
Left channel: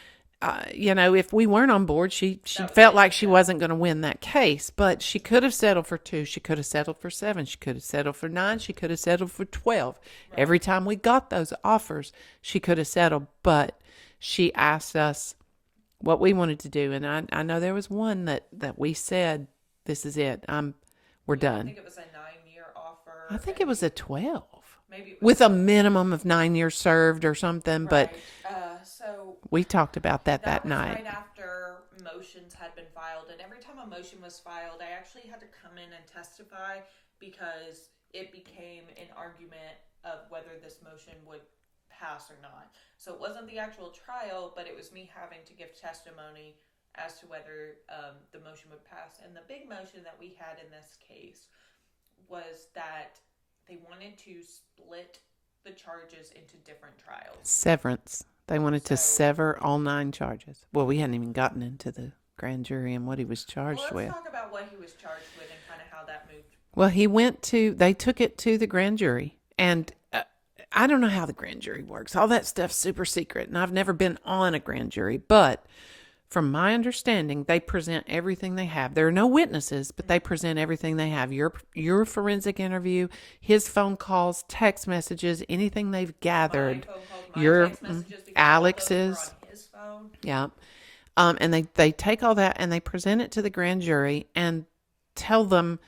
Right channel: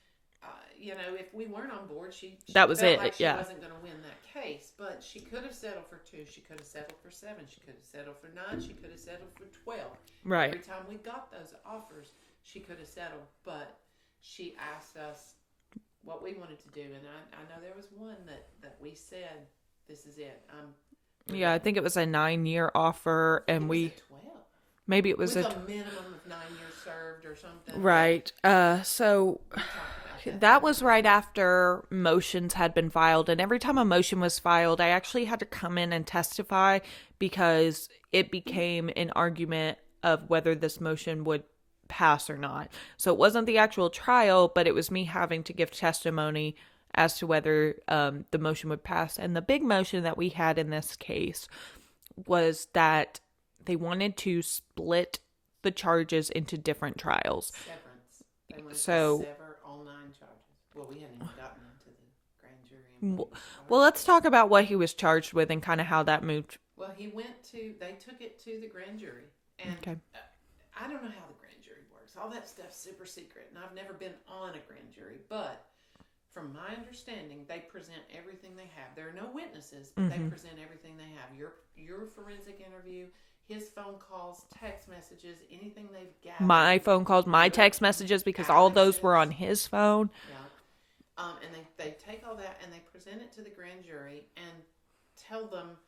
if we weren't on board, she That was felt it, like she yeah. wasn't going to win that case. But she could have settled for 2. She could have settled for 7. She could have settled for 9. She could have settled for 12. Right. Every time we got those offers, she could have settled. But she asked us what we wanted to do. And I know there was one that we said, this is it. We're done. I think it was a 9-year offer. I think it was a 12. Maybe it was With a minimum of 9 years served or something. right. So But we talked about that that was night. right after motions had been filed. And every time a motion was filed, I actually had to come in and testify because it became an argument of whether this motion would pass or not. So it wasn't the actual trial, but it was me having to give testimony as to whether the motion would pass. And the big motion that we had in this case was that they wanted to split the charges into different trials. Severance. They wanted to So- sever all 9 charges. Well, we hadn't even gotten into the grand jury and what he was charged with. Well, let's talk about what he was charged with and kind of how that moved. Well, they took it to the grand jury. And I don't know how the grand jury works. All that stuff's super secret. And I've never been on a grand jury. But from my understanding, they present everything they have. There are no witnesses, but they present everything they have. Your forensic interview, his phone calls, text messages, anything they've gathered. My phone calls, my Your- text messages, because all of those were Alex's. on his phone. Yeah. And they take all that and they present it to the grand jury and tell them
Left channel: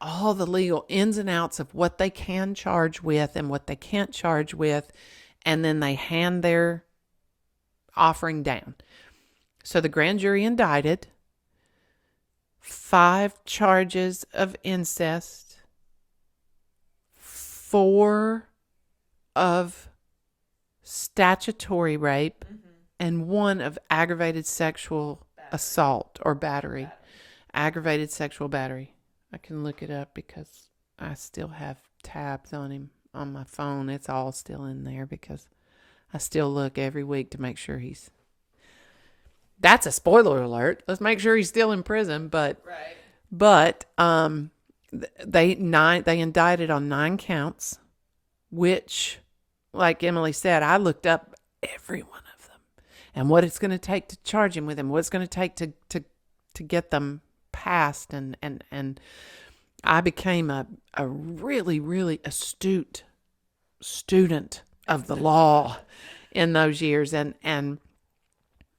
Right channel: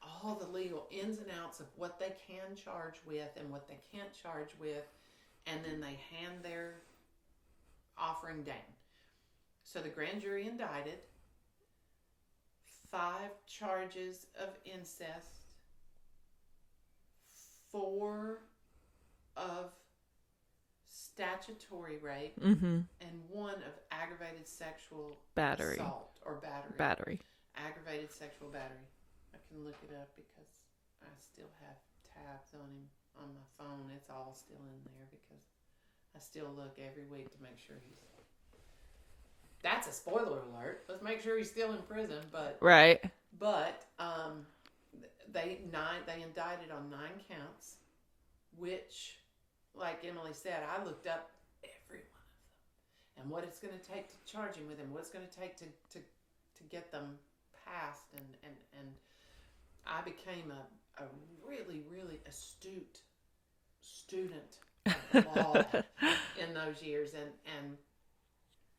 all the legal ins and outs of what they can charge with and what they can't charge with. And then they hand their offering down. So the grand jury indicted 5 charges of incest, 4 of statutory rape, and 1 of aggravated sexual assault or battery. Aggravated sexual battery. I can look it up because I still have tabs on him on my phone. It's all still in there because I still look every week to make sure he's... That's a spoiler alert. Let's make sure he's still in prison. But right. But they indicted on 9 counts, which, like Emily said, I looked up every one of them and what it's going to take to charge him with them, what it's going to take to get them passed, and I became a really, really astute student of the law in those years, and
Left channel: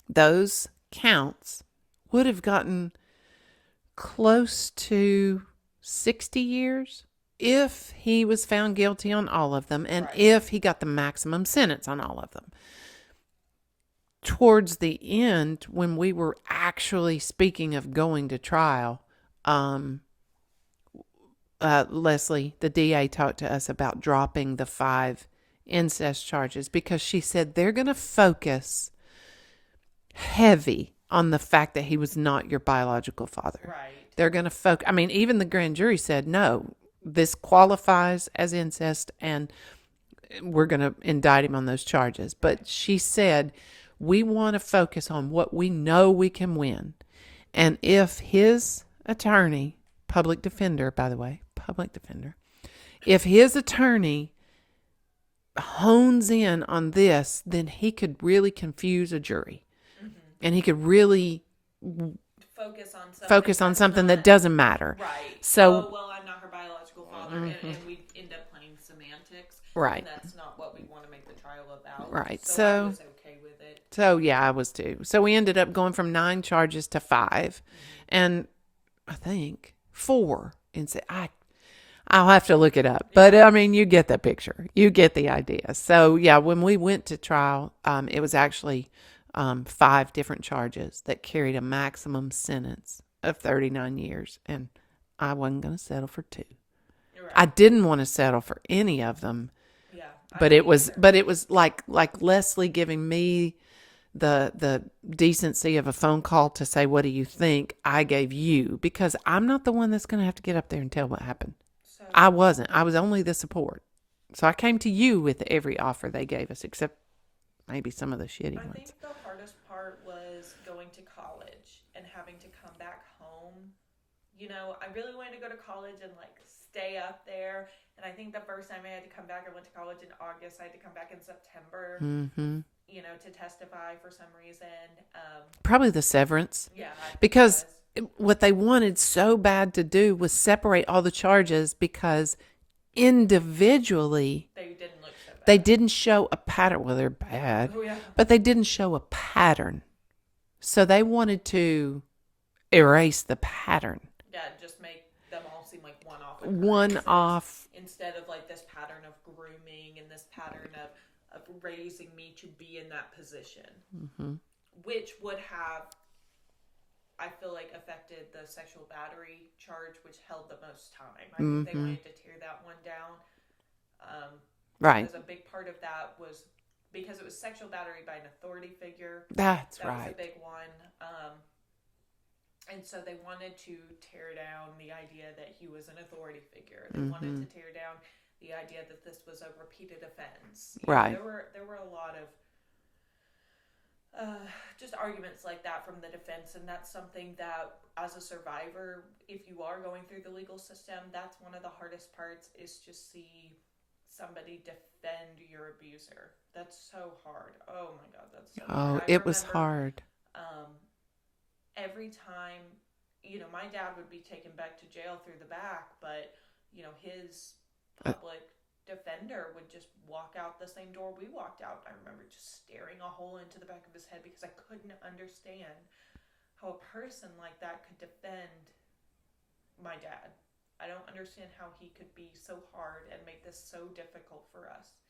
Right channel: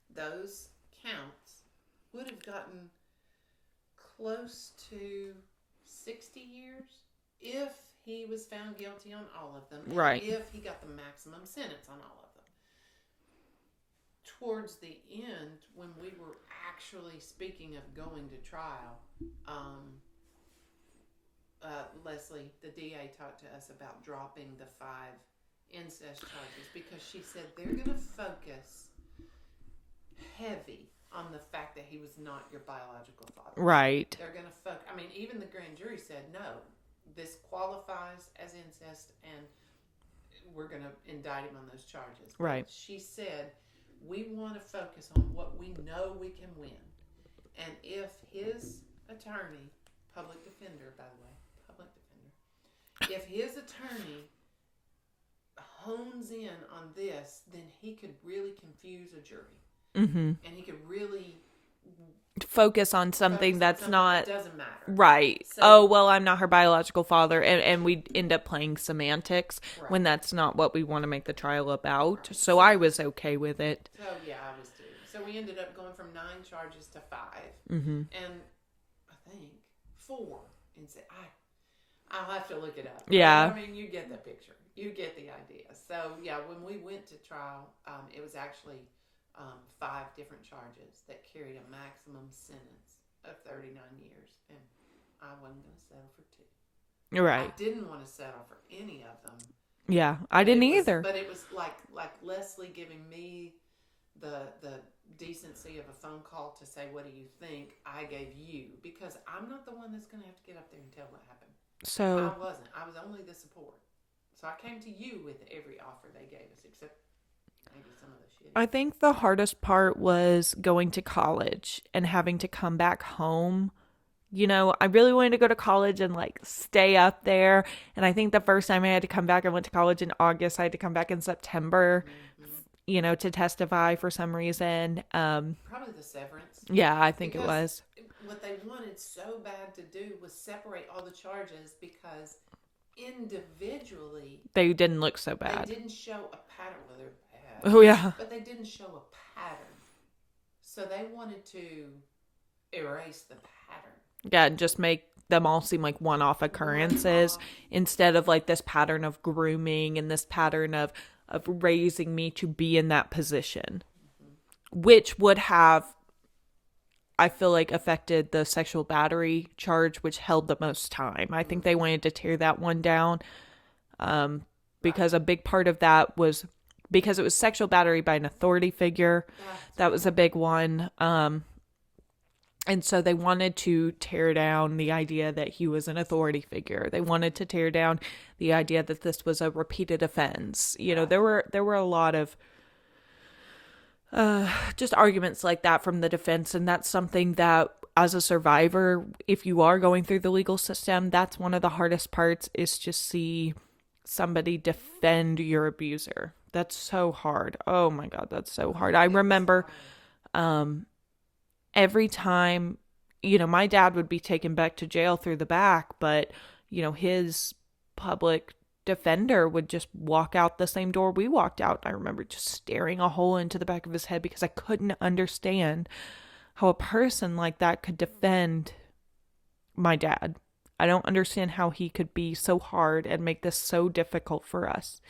those counts would have gotten close to 60 years if he was found guilty on all of them, and if he got the maximum sentence on all of them. Towards the end, when we were actually speaking of going to trial, Leslie, the DA, talked to us about dropping the 5 incest charges because she said they're going to focus heavy on the fact that he was not your biological father. Right. They're going to focus. I mean, even the grand jury said, no, this qualifies as incest and we're going to indict him on those charges. But she said, we want to focus on what we know we can win. And if his attorney, public defender, by the way, if his attorney hones in on this, then he could really confuse a jury. And he could really focus on something that doesn't matter. Right. So, I'm not her biological father. And we end up playing semantics when that's not what we want to make the trial about. Right. So I was okay with it. So, yeah, I was too. So we ended up going from 9 charges to 5. And I think 4. And I'll have to look it up. But, I mean, you get the picture. You get the idea. So, yeah, when we went to trial, it was actually 5 different charges that carried a maximum sentence of 39 years. And I wasn't going to settle for 2. Right. I didn't want to settle for any of them. Yeah, I didn't either. But it was like Leslie giving me the decency of a phone call to say, what do you think? I gave you, because I'm not the one that's going to have to get up there and tell what happened. So I wasn't. I was only the support. So I came to you with every offer they gave us, except maybe some of the shitty ones. think the hardest part was going to college and having to come back home. You know, I really wanted to go to college and stay up there. And I think the first time I had to come back, I went to college in August. I had to come back in September, to testify for some reason. Probably the severance. Yeah, I think because what they wanted so bad to do was separate all the charges because individually they didn't look so bad. They didn't show a pattern. Well, they're bad. Oh, yeah. But they didn't show a pattern. So they wanted to erase the pattern. Yeah, just make them all seem like one-off occurrences instead of this pattern of grooming and this pattern of raising me to be in that position, which would have, I feel like, affected the sexual battery charge, which held the most time. I think they wanted to tear that one down because a big part of that was because it was sexual battery by an authority figure. That was a big one. And so they wanted to tear down the idea that he was an authority figure. They wanted to tear down the idea that this was a repeated offense. You know, there were a lot of just arguments like that from the defense. And that's something that, as a survivor, if you are going through the legal system, that's one of the hardest parts, is to see somebody defend your abuser. That's so hard. Oh my God, that's so hard. I remember every time, my dad would be taken back to jail through the back, but, his public defender would just walk out the same door we walked out. I remember just staring a hole into the back of his head because I couldn't understand how a person like that could defend my dad. I don't understand how he could be so hard and make this so difficult for us.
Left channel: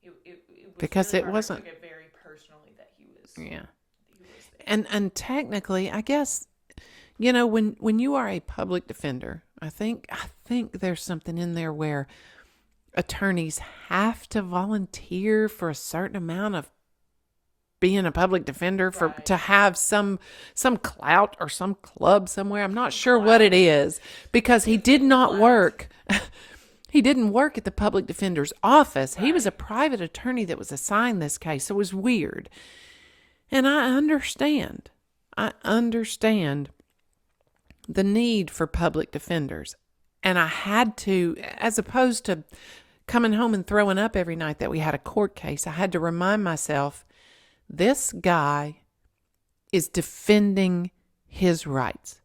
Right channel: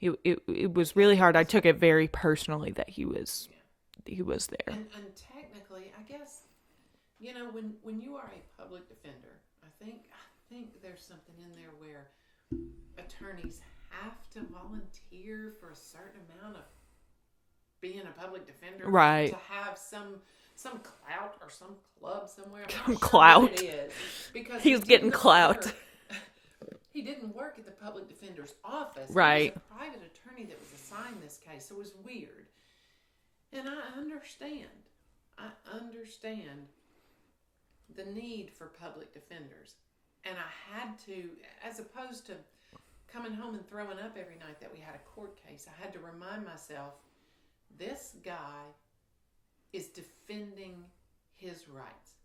It was really hard. I took it very personally that he was there. And technically, I guess, You know, when you are a public defender, I think there's something in there where attorneys have to volunteer for a certain amount of being a public defender Right. to have some clout or some club somewhere. I'm not sure what Clout. it is, because he He's did getting not clout. work. He didn't work at the public defender's office. He was Right. a private attorney that was assigned this case. So it was weird. And I understand. The need for public defenders. And I had to, as opposed to coming home and throwing up every night that we had a court case, I had to remind myself, this guy is defending his rights,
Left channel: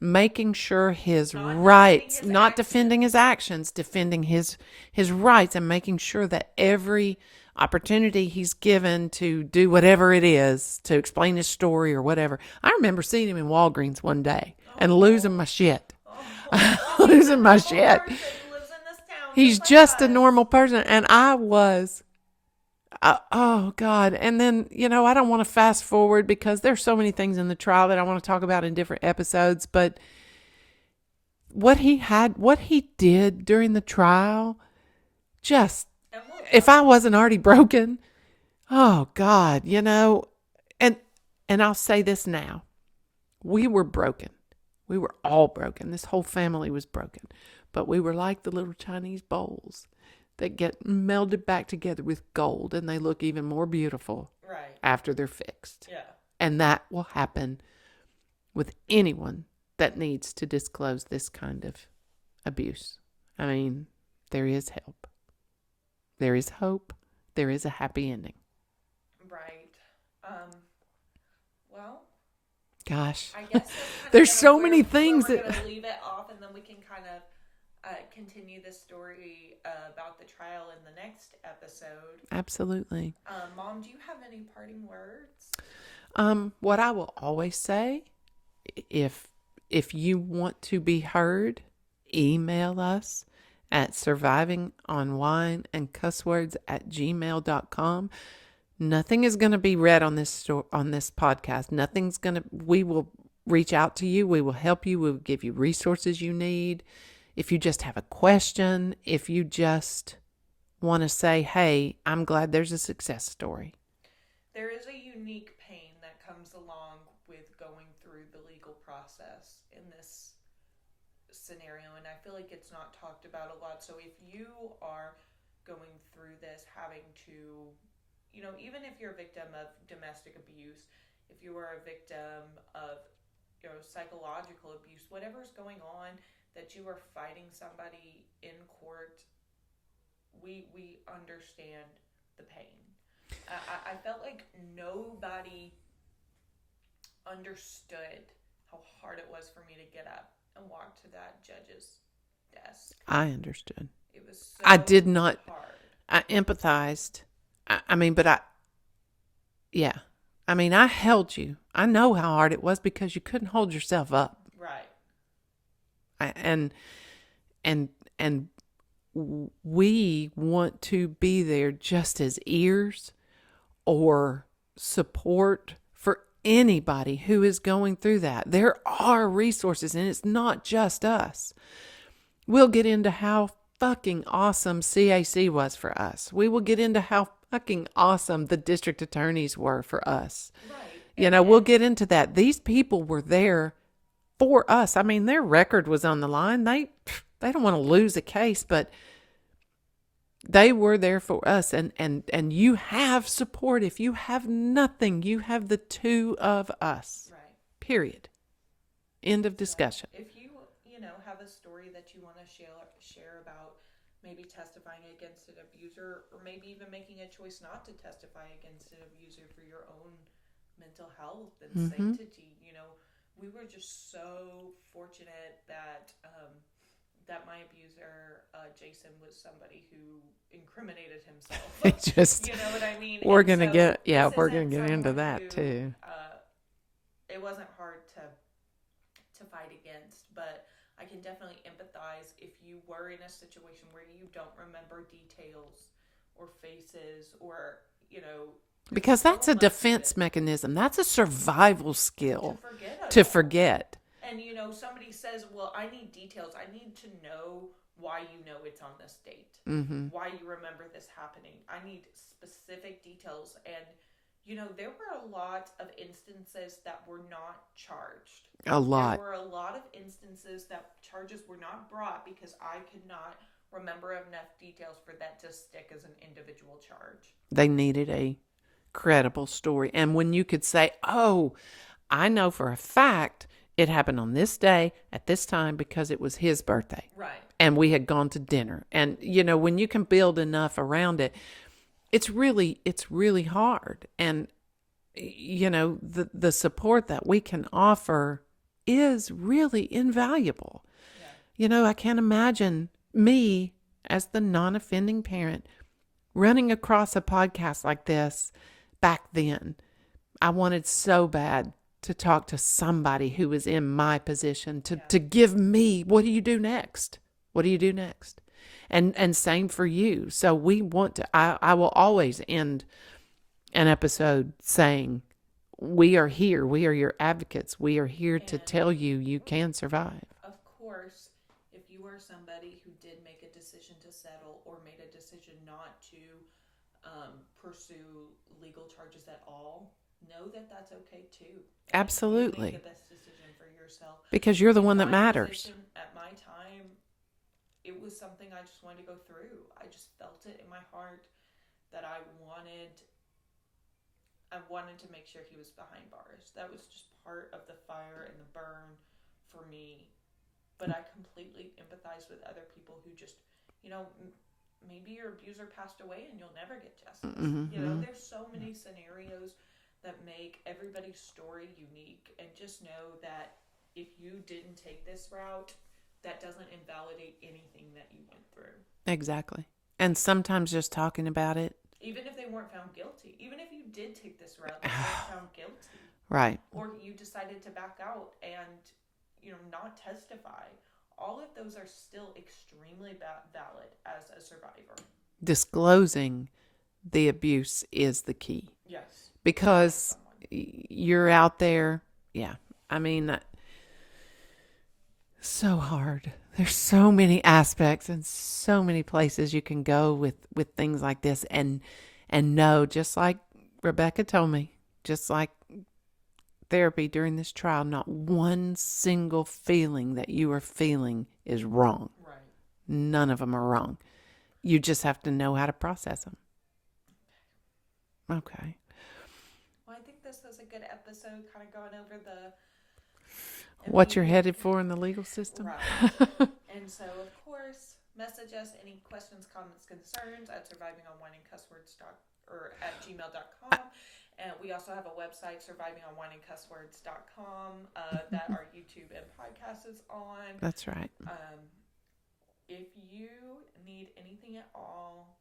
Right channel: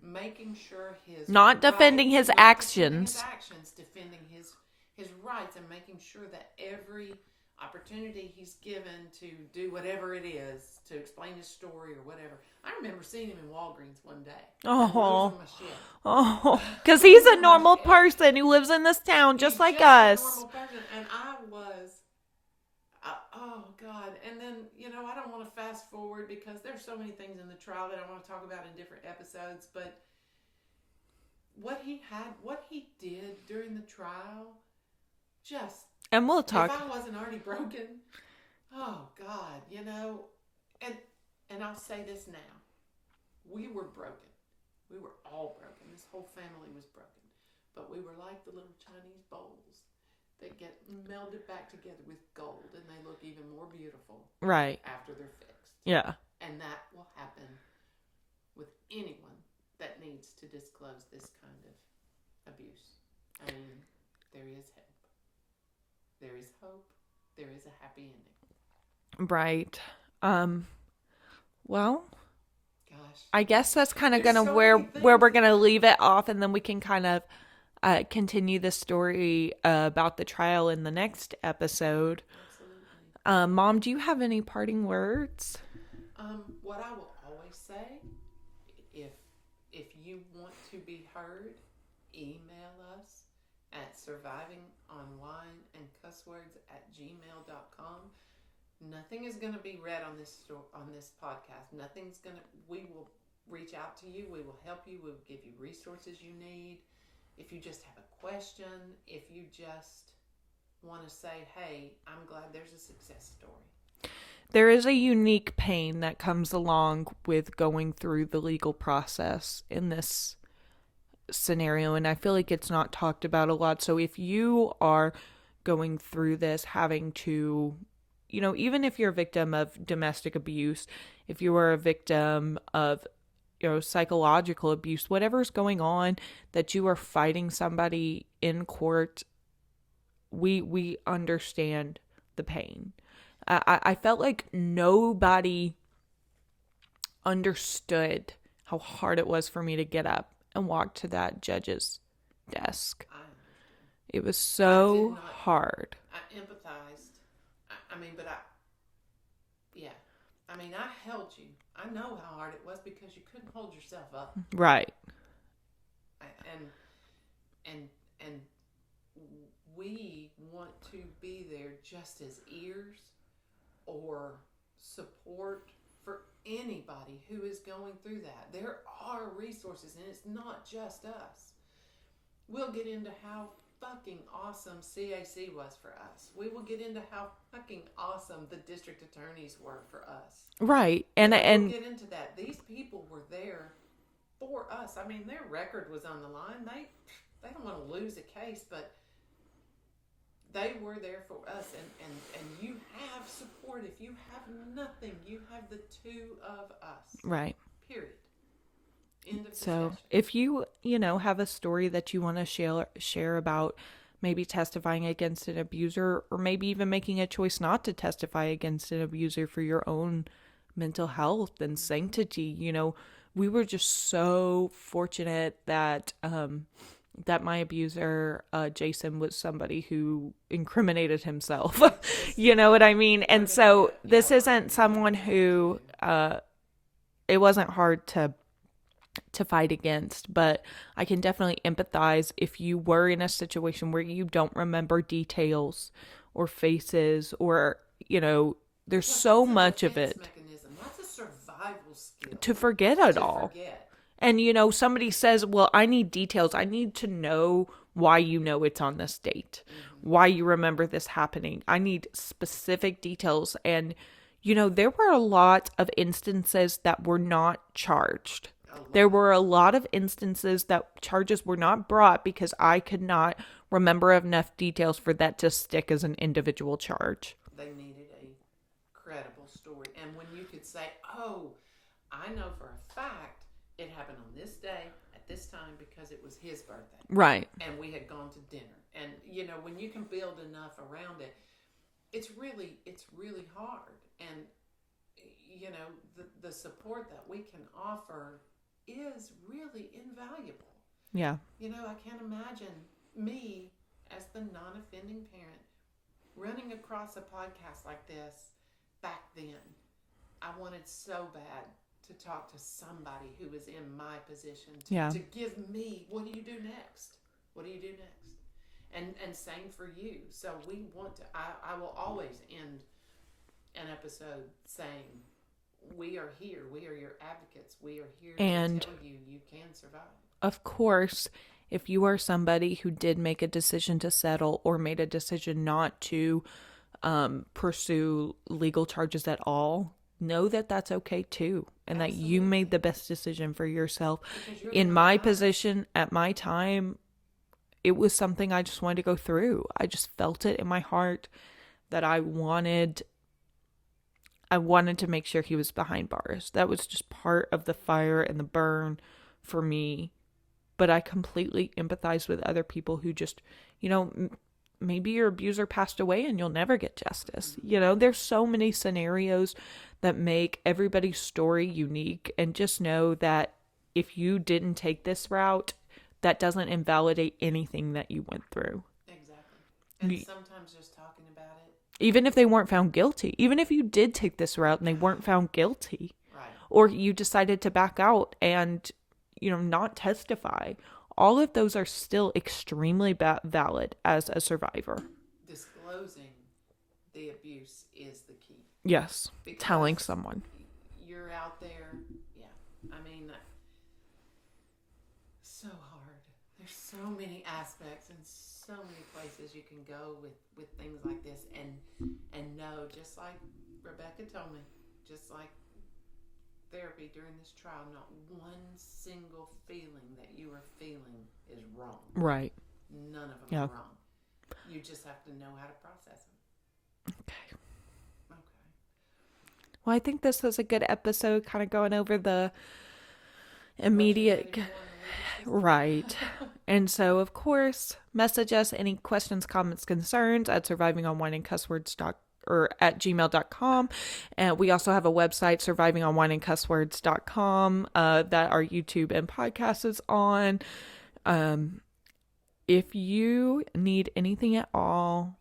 making sure his Not rights, defending his not actions. defending his actions, defending his rights, and making sure that every opportunity he's given to do whatever it is, to explain his story or whatever. I remember seeing him in Walgreens one day and losing my shit. Oh, because he's a Losing my normal shit. person who lives in this town, He's just like just us. a normal person, and I was. Oh God. And then, you know, I don't want to fast forward because there's so many things in the trial that I want to talk about in different episodes, but what he did during the trial, just, And we'll talk. if I wasn't already broken, oh God, you know, and I'll say this now, we were broken. We were all broken. This whole family was broken, but we were like the little Chinese bowls that get melded back together with gold, and they look even more beautiful Right. after they're fixed. Yeah. And that will happen with anyone that needs to disclose this kind of abuse. I mean, there is help. There is hope. There is a happy ending. Right. Well, Gosh. I guess that's kind of There's gonna so where many things we're that- gonna leave it off, and then we can kind of continue the story about the trial in the next episode. Absolutely. Mom, do you have any parting words? What I will always say, if you want to be heard, email us at survivingonwineandcusswords@gmail.com. Nothing is going to be read on this podcast. We will reach out to you. We will help you. We will give you resources you need. If you just have a question, if you just want to say, hey, I'm glad there's a success story. There is a unique pain that comes along with going through the legal process in this scenario, and I feel like it's not talked about a lot. So if you are going through this, having to, you know, even if you're a victim of domestic abuse, if you are a victim of, you know, psychological abuse, whatever's going on, that you are fighting somebody in court, we understand the pain. I felt like nobody understood how hard it was for me to get up and walk to that judge's desk. I understood. It was so I did not- hard. I empathized. I held you. I know how hard it was because you couldn't hold yourself up. Right. And we want to be there just as ears or support for anybody who is going through that. There are resources, and it's not just us. We'll get into how fucking awesome CAC was for us. We will get into how fucking awesome the district attorneys were for us. Right. We'll get into that. These people were there for us. I mean, their record was on the line. They don't want to lose a case, but they were there for us. And you have support. If you have nothing, you have the two of us. Right. Period. End of discussion. So if you have a story that you want to share about maybe testifying against an abuser, or maybe even making a choice not to testify against an abuser for your own mental health and sanctity, we were just so fortunate that my abuser, Jason, was somebody who incriminated himself. You know what I mean? And so this isn't someone who it wasn't hard to fight against, but I can definitely empathize if you were in a situation where you don't remember details or faces, or there's because so that's a much defense of it mechanism. That's a survival skill to forget it to all. forget. And, you know, somebody says, well, I need details. I need to know why you know it's on this date, why you remember this happening. I need specific details. And, you know, there were a lot of instances that were not charged. A lot. There were a lot of instances that charges were not brought because I could not remember enough details for that to stick as an individual charge. They needed a credible story. And when you could say, oh, I know for a fact it happened on this day at this time because it was his birthday. Right. And we had gone to dinner. And, you know, when you can build enough around it, it's really hard. And, you know, the support that we can offer is really invaluable. Yeah. You know, I can't imagine me as the non-offending parent running across a podcast like this back then. I wanted so bad to talk to somebody who was in my position to give me, what do you do next? What do you do next? And same for you. So we want to, I will always end an episode saying, we are here. We are your advocates. We are here to tell you you can survive. Of course, if you are somebody who did make a decision to settle or made a decision not to pursue legal charges at all, know that that's okay too. And Absolutely. that you made the best decision for yourself. Because you're the one that matters. In my position, at my time, it was something I just wanted to go through. I just felt it in my heart that I wanted to make sure he was behind bars. That was just part of the fire and the burn for me. But I completely empathize with other people who just, you know, maybe your abuser passed away and you'll never get justice. Mm-hmm. You know, there's so many scenarios that make everybody's story unique. And just know that if you didn't take this route, that doesn't invalidate anything that you went through. Exactly. And sometimes just talking about it. Even if they weren't found guilty, even if you did take this route and they weren't found guilty. Right. Or you decided to back out and, you know, not testify. All of those are still extremely valid as a survivor. Disclosing the abuse is the key. Yes. Because telling someone. You're out there. Yeah. I mean, so hard. There's so many aspects and so many places you can go with things like this and know, just like Rebecca told me, just like therapy during this trial, not one single feeling that you are feeling is wrong. Right. None of them are wrong. You just have to know how to process them. Okay. Well, I think this was a good episode, kind of going over the what you're headed for in the legal system. Right. And so, of course, message us any questions, comments, concerns at survivingonwineandcusswords.com or at gmail.com. And we also have a website, survivingonwineandcusswords.com, that our YouTube and podcast is on. That's right. If you need anything at all,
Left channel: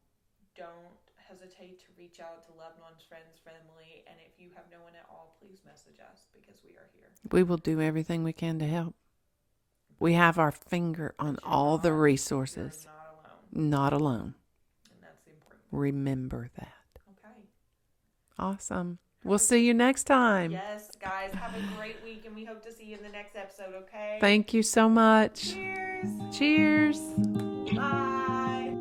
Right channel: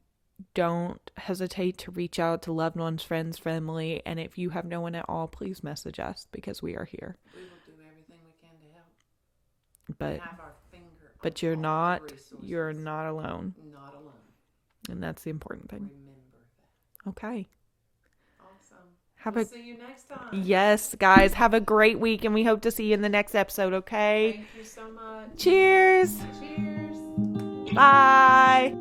don't hesitate to reach out to loved ones, friends, family. And if you have no one at all, please message us because we are here. We will do everything we can to help. But we have our finger on all the resources. You're not alone. Not alone. And that's the important thing. Remember that. Okay. Awesome. We'll see you next time. Yes, guys. Have a great week, and we hope to see you in the next episode, okay? Thank you so much. Cheers. Cheers. Bye.